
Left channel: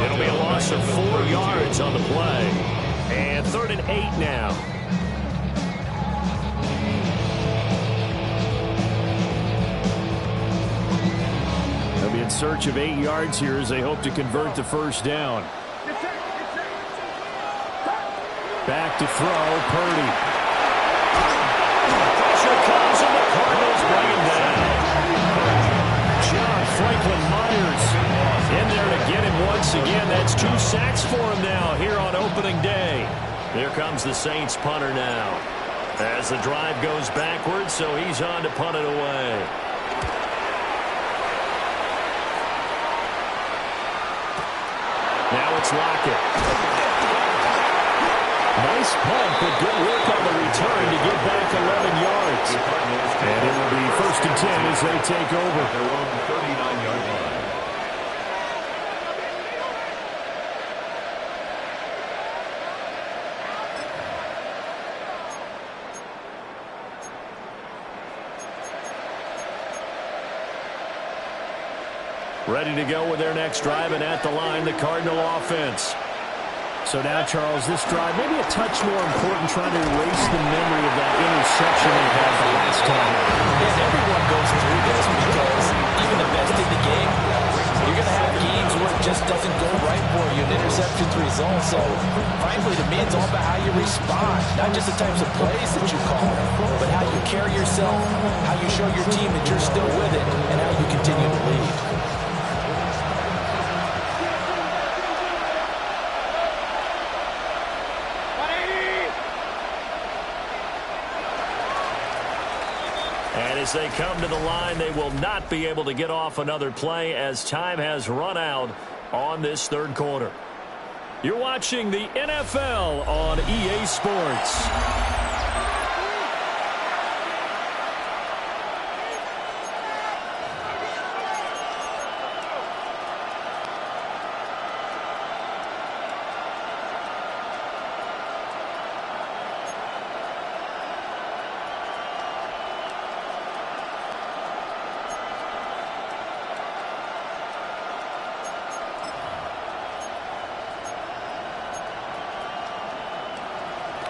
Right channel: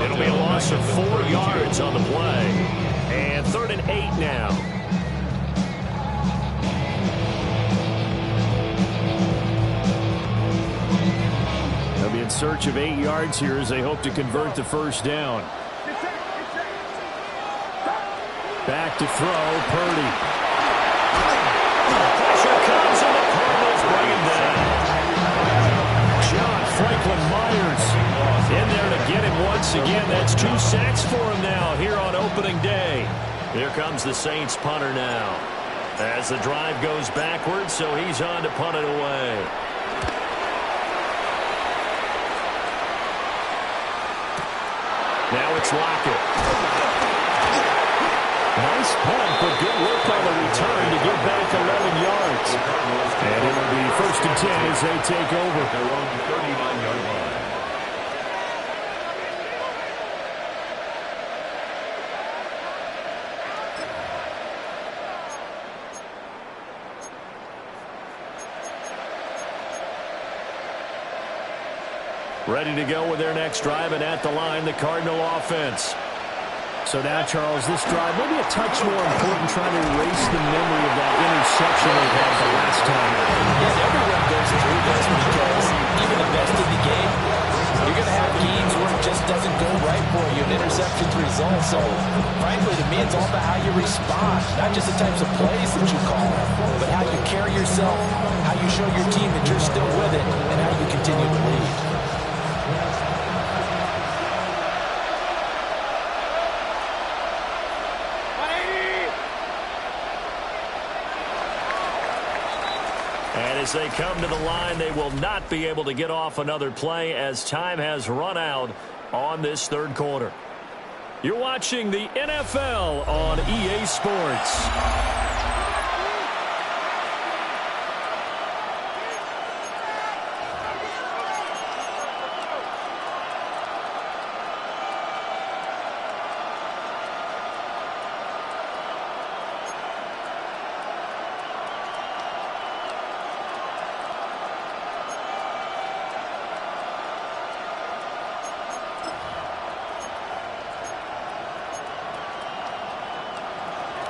It'll be a loss of 4 yards on the play. And 3rd and 8 now. They'll be in search of 8 yards here as they hope to convert the first down. Back to throw, Purdy. Pressure comes and the Cardinals bring him down. John Franklin Myers in there to get him once again. That's 2 sacks for him now here on opening day. Here comes the Saints punter now. As the drive goes backwards, so he's on to punt it away. Now it's Lockett. Nice punt, but good work on the return to get back 11 yards. And it will be 1st and 10 as they take over. Their own 39-yard line. Ready to go with their next drive, and at the line, the Cardinal offense. So now, Charles, this drive maybe a touch more important, trying to erase the memory of that interception they had the last time. Yes, everyone goes through this because even the best in the game, you're going to have games where it just doesn't go right for you, and interceptions result. So, frankly, to me, it's all about how you respond, not just the types of plays that you call, but how you carry yourself, how you show your team that you're still with it, and how you continue to lead. And as they come to the line, they will not be able to get off another play as time has run out on this 3rd quarter. You're watching the NFL on EA Sports.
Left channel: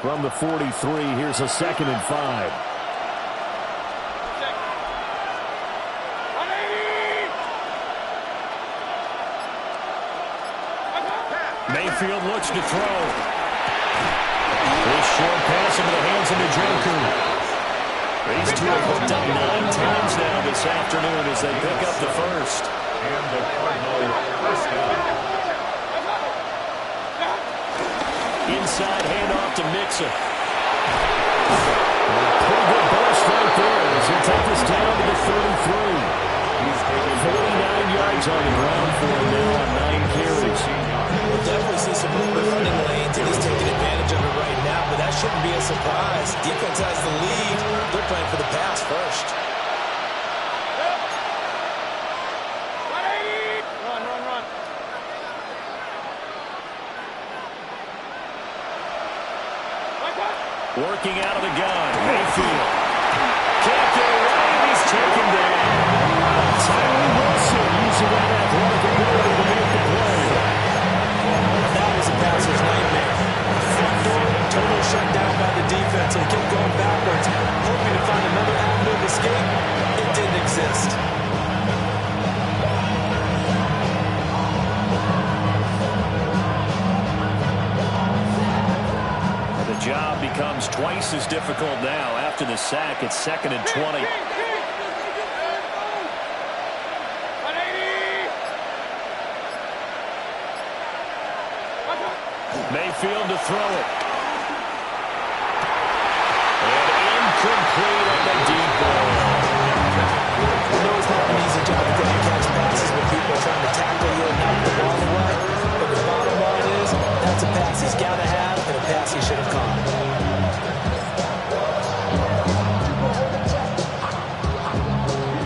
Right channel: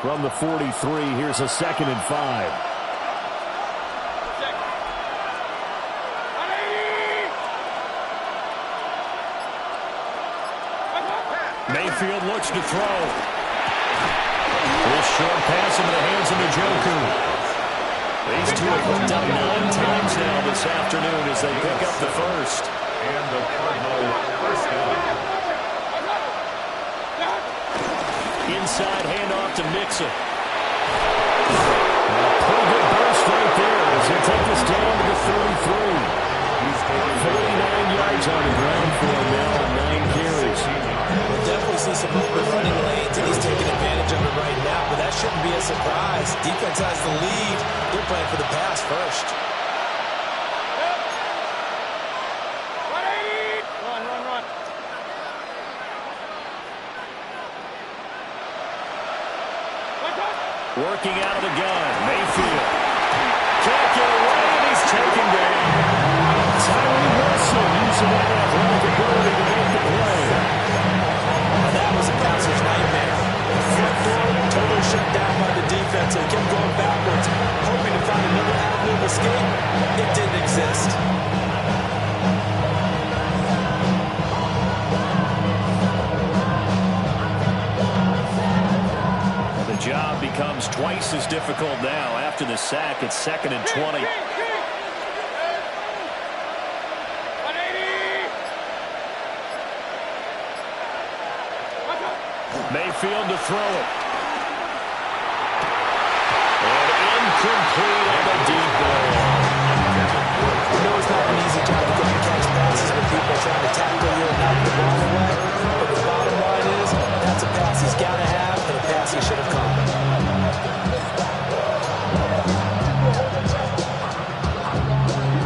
From the 43, here's a 2nd and 5. Mayfield looks to throw. This short pass into the hands of Njoku. These two have hooked up 9 times now this afternoon as they pick up the first. And the Cardinal first down. Inside handoff to Mixon. And a pretty good burst right there as he'll take this down to the 33. He's taken 49 yards on the ground for him now on 9 carries. We'll definitely see some open running lanes, and he's taking advantage of it right now, but that shouldn't be a surprise. Defense has the lead. They're playing for the pass first. Run. Working out of the gun, Mayfield. Can't get away, and he's taken down. Tyree Wilson using that athletic ability to make the play. Now that was a passer's nightmare. The front door totally shut down by the defense, so he kept going backwards, hoping to find another avenue of escape. It didn't exist. The job becomes twice as difficult now. After the sack, it's 2nd and 20. Mayfield to throw it. And incomplete on the deep ball. We know it's not an easy job to go and catch passes when people are trying to tackle you and knock the ball away. But the bottom line is, that's a pass he's got to have and a pass he should have caught.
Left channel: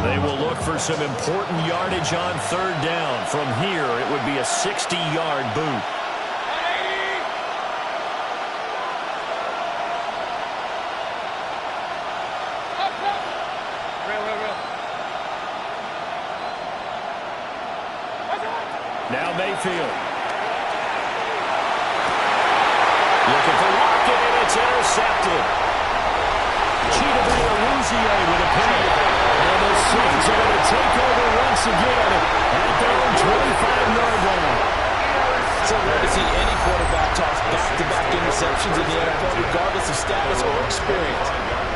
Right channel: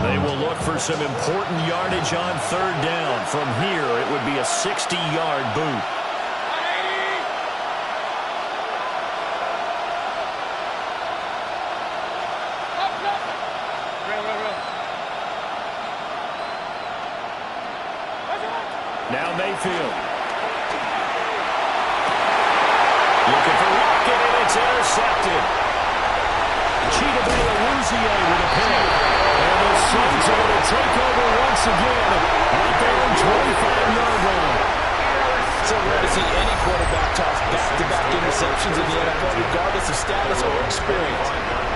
They will look for some important yardage on 3rd down. From here, it would be a 60-yard boot. Now Mayfield. Looking for Lockett, and it's intercepted. Chidobe with a pick. And the Saints are going to take over once again at their own 25-yard line. So rare to see any quarterback toss back-to-back interceptions in the NFL, regardless of status or experience.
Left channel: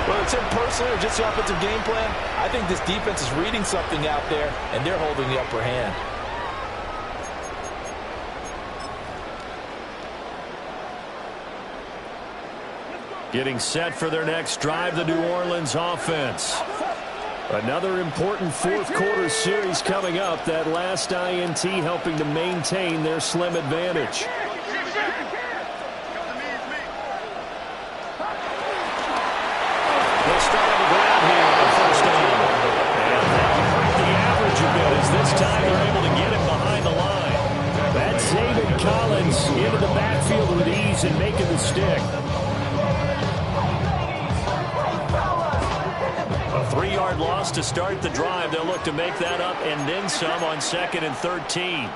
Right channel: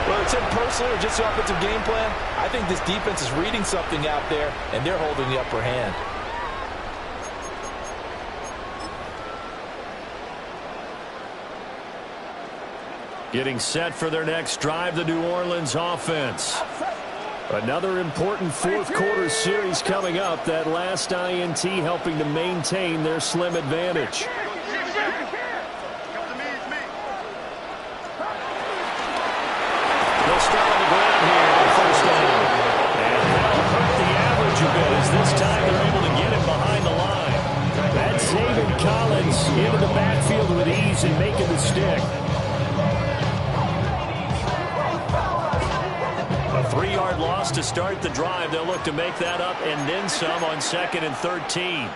Whether it's him personally or just the offensive game plan, I think this defense is reading something out there, and they're holding the upper hand. Getting set for their next drive, the New Orleans offense. Another important fourth-quarter series coming up. That last INT helping to maintain their slim advantage. They'll start on the ground here on 1st down. And that'll hurt the average a bit, as this time they're able to get him behind the line. That's Zaven Collins into the backfield with ease and making the stick. A 3-yard loss to start the drive. They'll look to make that up and then some on 2nd and 13.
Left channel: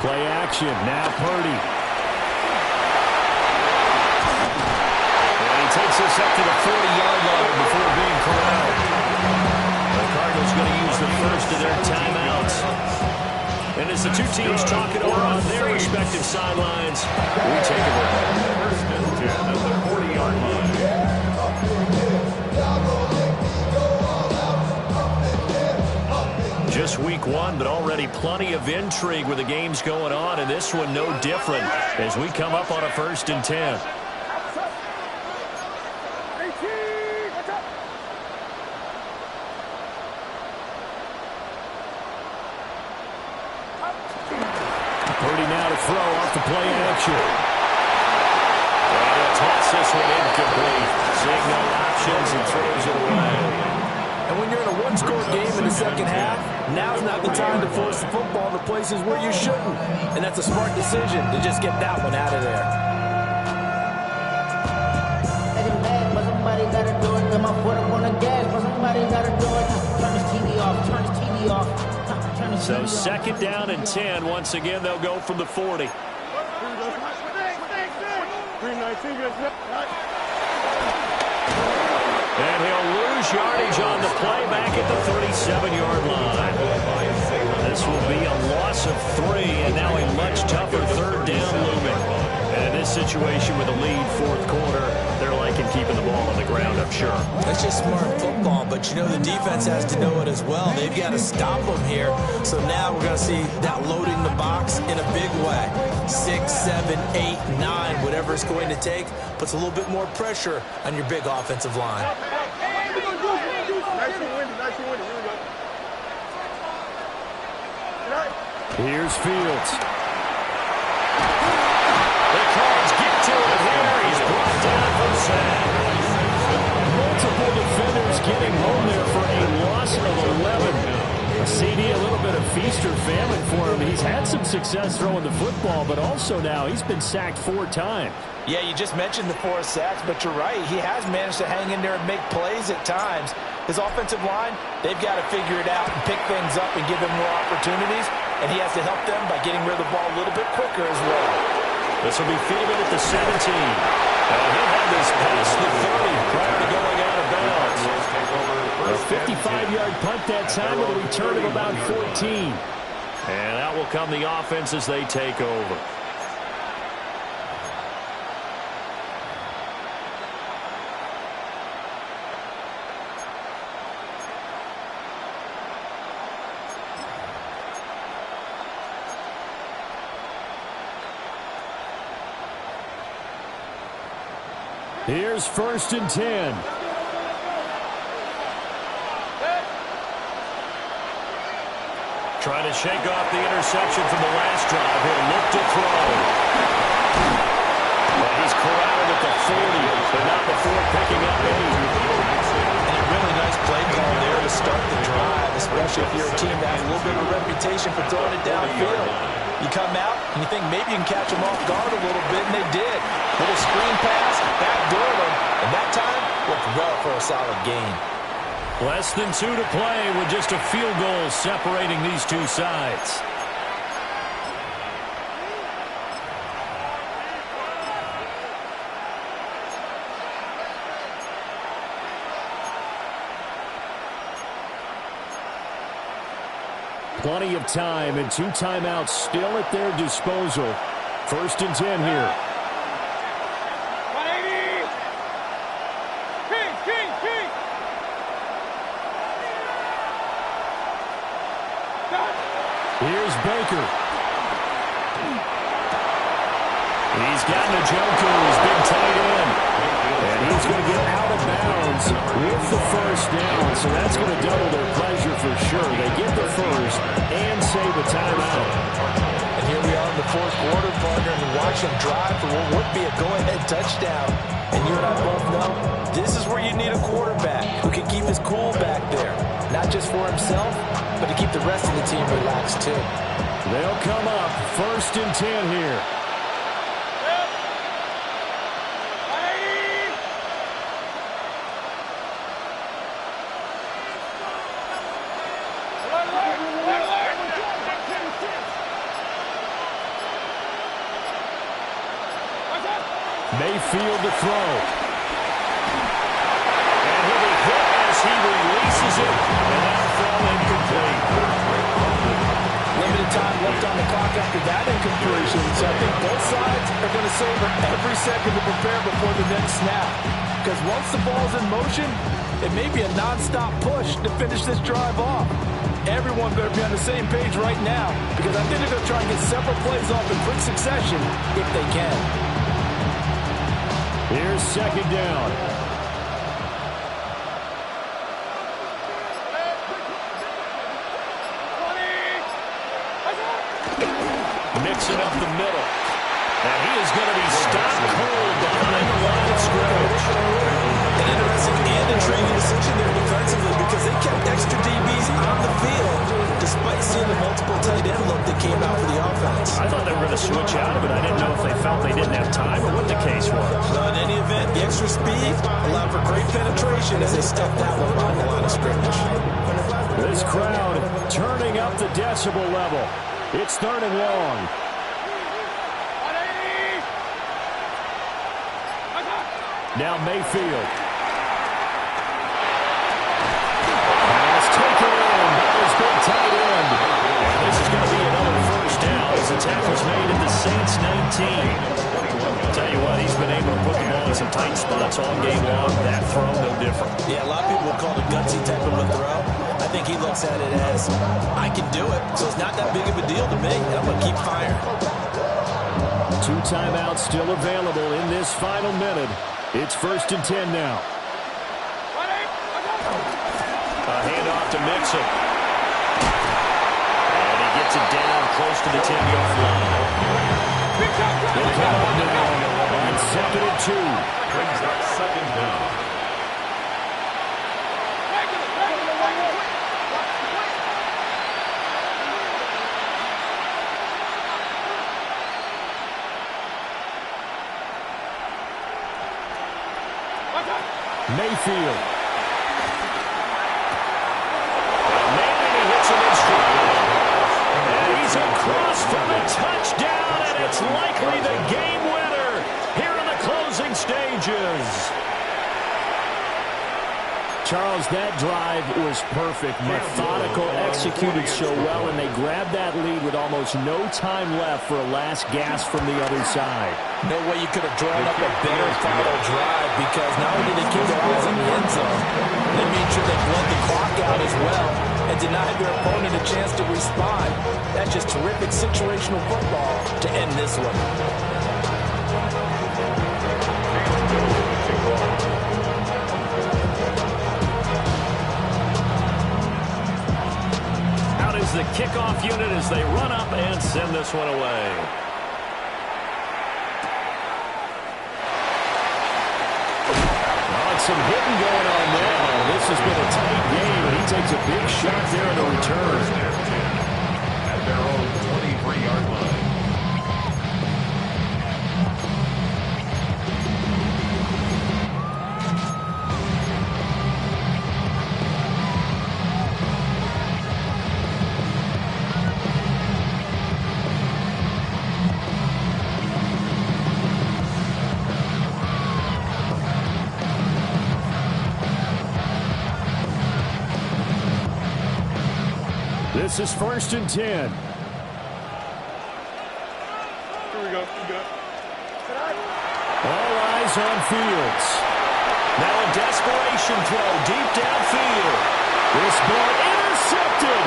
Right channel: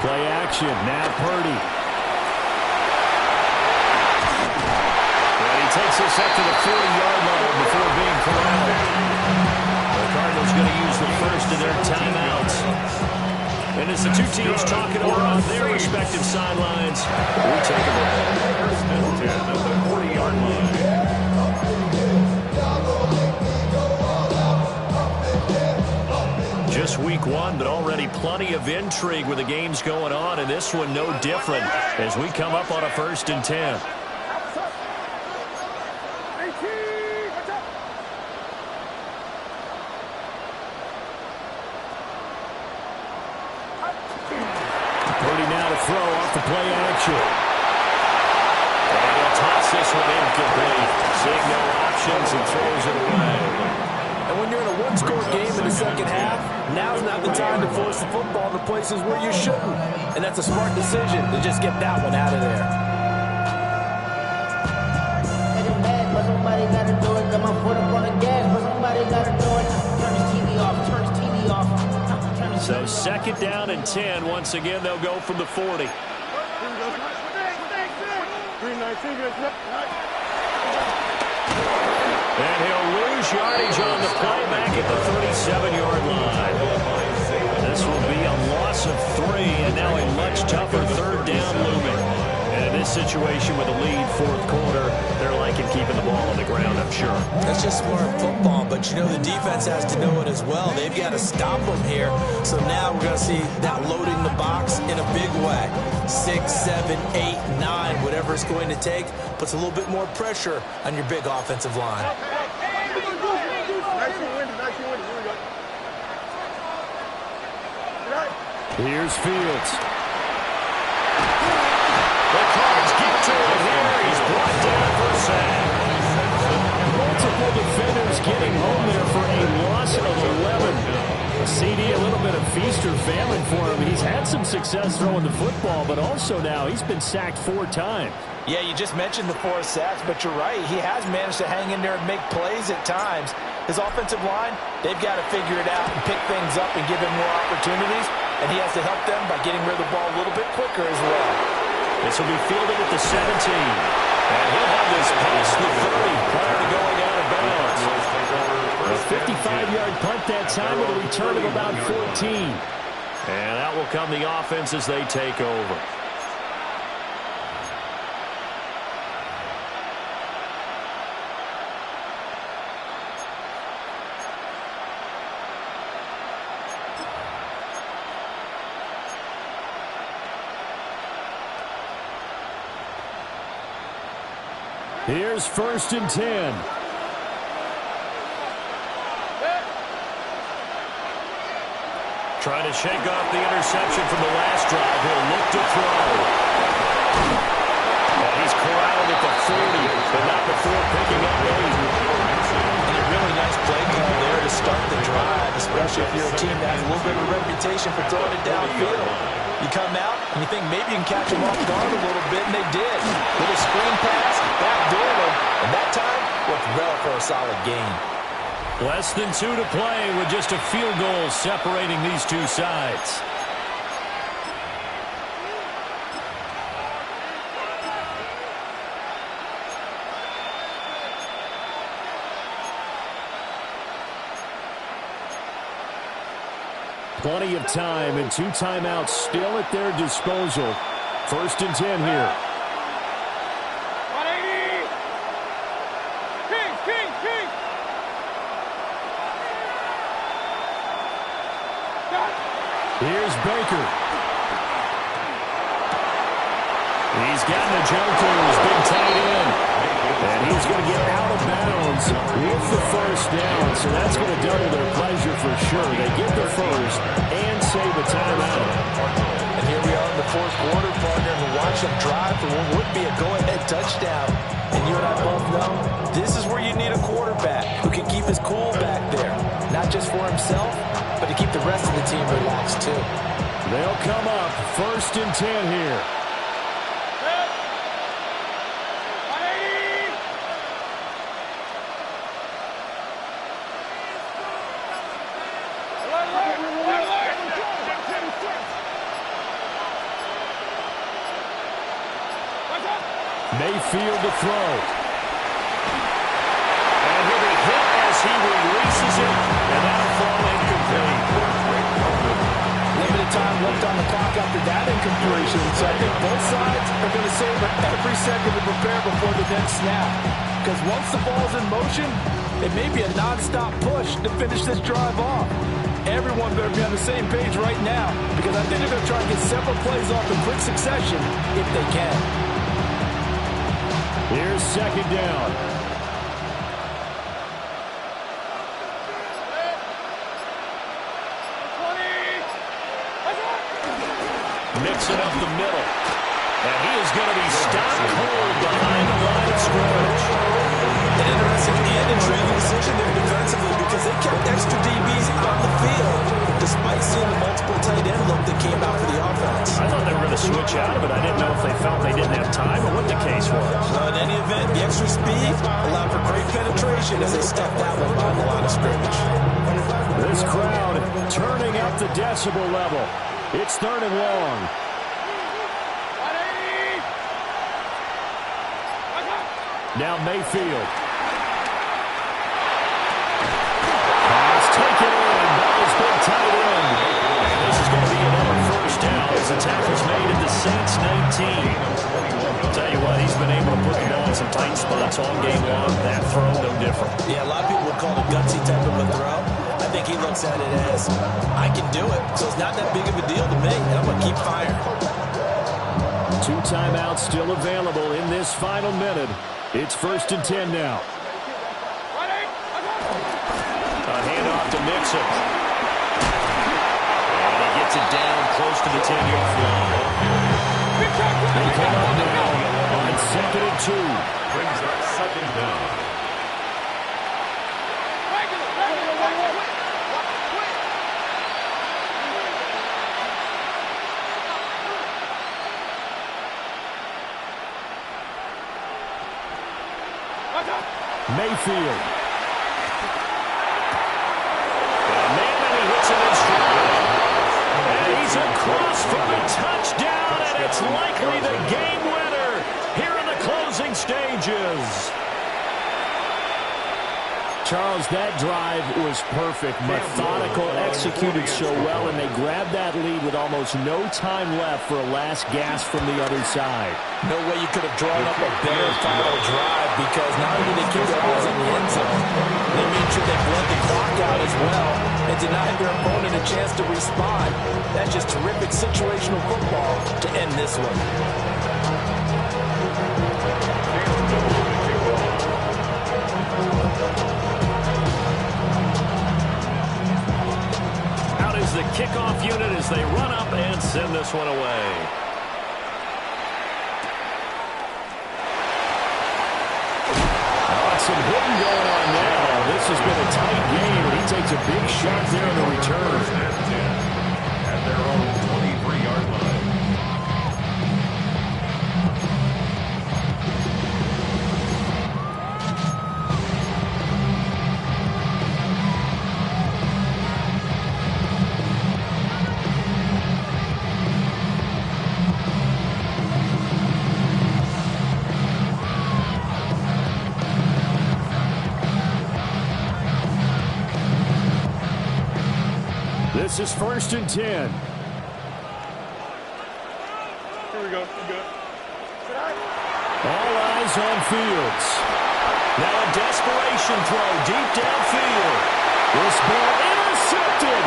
Play action. Now Purdy. And he takes this up to the 40-yard line before being corralled. The Cardinals going to use the first of their timeouts. And as the two teams talk it over on their respective sidelines, we take a break. 1st and 10 at the 40-yard line. Just week 1, but already plenty of intrigue with the games going on, and this one no different as we come up on a 1st and 10. Purdy now to throw off the play action. And he'll toss this one incomplete. Seeing no options and throws it away. And when you're in a one-score game in the second half, now's not the time to force the football to places where you shouldn't. And that's a smart decision to just get that one out of there. But somebody gotta do it. Got my foot up on the gas, but somebody gotta do it. Turn this TV off. Turn this TV off. Turn this So TV 2nd down and 10. Once again, they'll go from the 40. And he'll lose yardage on the play back at the 37-yard line. This will be a loss of 3, and now a much tougher 3rd down looming. And this this situation with a lead fourth quarter, they're liking keeping the ball on the ground, I'm sure. That's just smart football, but you know the defense has to know it as well. They've got to stop them here. So now we're going to see that loading the box in a big way. 6, 7, 8, 9, whatever it's going to take, puts a little bit more pressure on your big offensive line. Nice and windy. Here we go. Here's Fields. The Cards get to it here. He's brought down for a sack. Multiple defenders getting home there for a loss of 11. A CD, a little bit of feast or famine for him. He's had some success throwing the football, but also now he's been sacked 4 times. Yeah, you just mentioned the 4 sacks, but you're right. He has managed to hang in there and make plays at times. His offensive line, they've got to figure it out and pick things up and give him more opportunities, and he has to help them by getting rid of the ball a little bit quicker as well. This will be fielded at the 17. And he'll have this past the 30 prior to going out of bounds. A 55-yard punt that time with a return of about 14. And out will come the offense as they take over. Here's 1st and 10. Trying to shake off the interception from the last drive. He'll look to throw. And he's corralled at the 40, but not before picking up 8. And a really nice play call there to start the drive, especially if you're a team that has a little bit of a reputation for throwing it downfield. You come out and you think maybe you can catch them off guard a little bit, and they did. Little screen pass, backdoor them, and that time worked well for a solid gain. Less than 2 to play with just a field goal separating these two sides. Plenty of time and 2 timeouts still at their disposal. 1st and 10 here. 180! King! Here's Baker. He's got Njoku, his big tight end. And he's going to get out of bounds with the 1st down. So that's going to double their pleasure for sure. They get the 1st and save a timeout. And here we are in the 4th quarter, partner, and watch him drive for what would be a go-ahead touchdown. And you and I both know this is where you need a quarterback who can keep his cool back there. Not just for himself, but to keep the rest of the team relaxed too. They'll come up 1st and 10 here. Mayfield to throw. And he'll be hit as he releases it, and that'll fall incomplete. Limited time left on the clock after that incompletion, so I think both sides are going to savor every second to prepare before the next snap. Because once the ball's in motion, it may be a non-stop push to finish this drive off. Everyone better be on the same page right now, because I think they're going to try and get several plays off in quick succession if they can. Here's 2nd down. Mixing up the middle. And he is going to be stopped cold behind the line of scrimmage. An interesting and intriguing decision there defensively, because they kept extra DBs on the field despite seeing the multiple tight end look that came out for the offense. I thought they were going to switch out of it. I didn't know if they felt they didn't have time or what the case was. Well, in any event, the extra speed allowed for great penetration as they stepped out behind the line of scrimmage. This crowd turning up the decibel level. It's 3rd and long. Now Mayfield. Pass taken in by his big tight end. And this is going to be another 1st down as as the tackle's made at the Saints 19. I'll tell you what, he's been able to put the ball in some tight spots all game long. That throw, no different. Yeah, a lot of people would call it a gutsy type of a throw. I think he looks at it as, I can do it, so it's not that big of a deal to me, and I'm going to keep firing. 2 timeouts still available in this final minute. It's 1st and 10 now. A handoff to Mixon. And he gets it down close to the 10-yard line. They come up now on 2nd and 2. Brings up 2nd down. Mayfield. Got a man, and he hits him in stride. And he's across for the touchdown, and it's likely the game winner here in the closing stages. Charles, that drive was perfect, methodical, executed so well, and they grabbed that lead with almost no time left for a last gasp from the other side. No way you could have drawn up a better final drive, because not only did they keep their eyes on the end zone, they made sure they bled the clock out as well and denied their opponent a chance to respond. That's just terrific situational football to end this one. The kickoff unit as they run up and send this one away. Some hitting going on now. This has been a tight game, and he takes a big shot there on the return. At their own 23-yard line. This is 1st and 10. Here we go. Good. All eyes on Fields. Now a desperation throw deep downfield. This ball intercepted.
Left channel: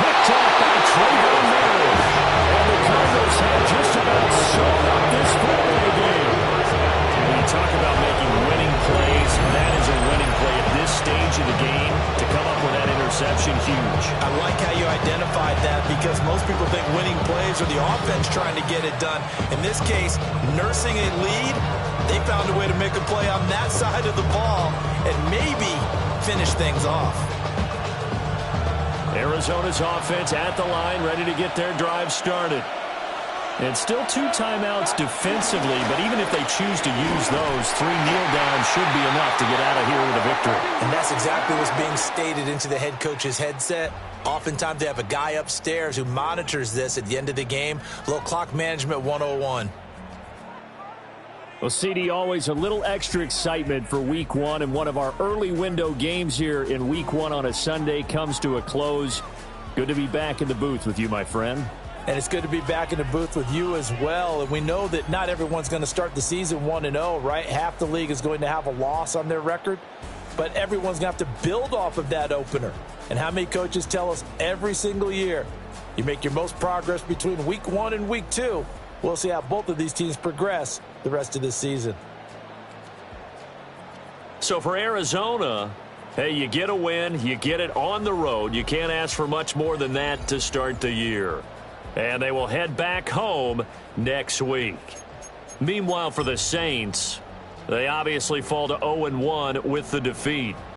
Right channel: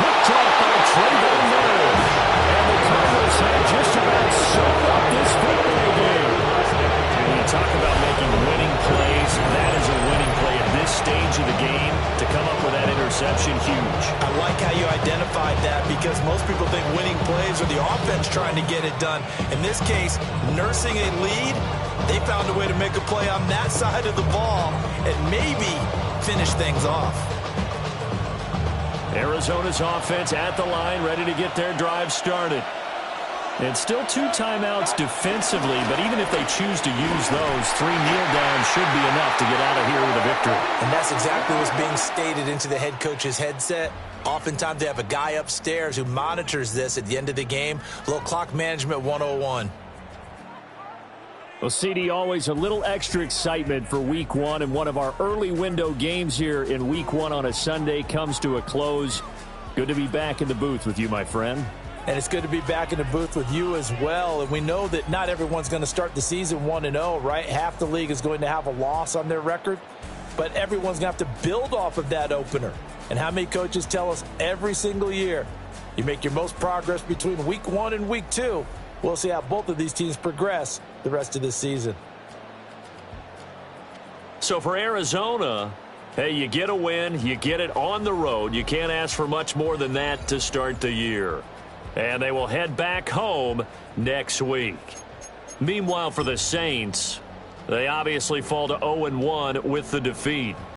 Picked off by Trayvon Merritt. And the Cardinals have just about sewn up this football game. When you talk about making winning plays, that is a winning play at this stage of the game. To come up with that interception, huge. I like how you identified that, because most people think winning plays are the offense trying to get it done. In this case, nursing a lead, they found a way to make a play on that side of the ball and maybe finish things off. Arizona's offense at the line, ready to get their drive started. And still 2 timeouts defensively, but even if they choose to use those, 3 kneel downs should be enough to get out of here with a victory. And that's exactly what's being stated into the head coach's headset. Oftentimes they have a guy upstairs who monitors this at the end of the game. A little clock management 101. Well, CD, always a little extra excitement for Week 1, and one of our early window games here in Week 1 on a Sunday comes to a close. Good to be back in the booth with you, my friend. And it's good to be back in the booth with you as well. And we know that not everyone's going to start the season 1-0, right? Half the league is going to have a loss on their record. But everyone's going to have to build off of that opener. And how many coaches tell us every single year, you make your most progress between Week 1 and Week 2. We'll see how both of these teams progress the rest of this season. So for Arizona, hey, you get a win, you get it on the road. You can't ask for much more than that to start the year. And they will head back home next week. Meanwhile, for the Saints, they obviously fall to 0-1 with the defeat.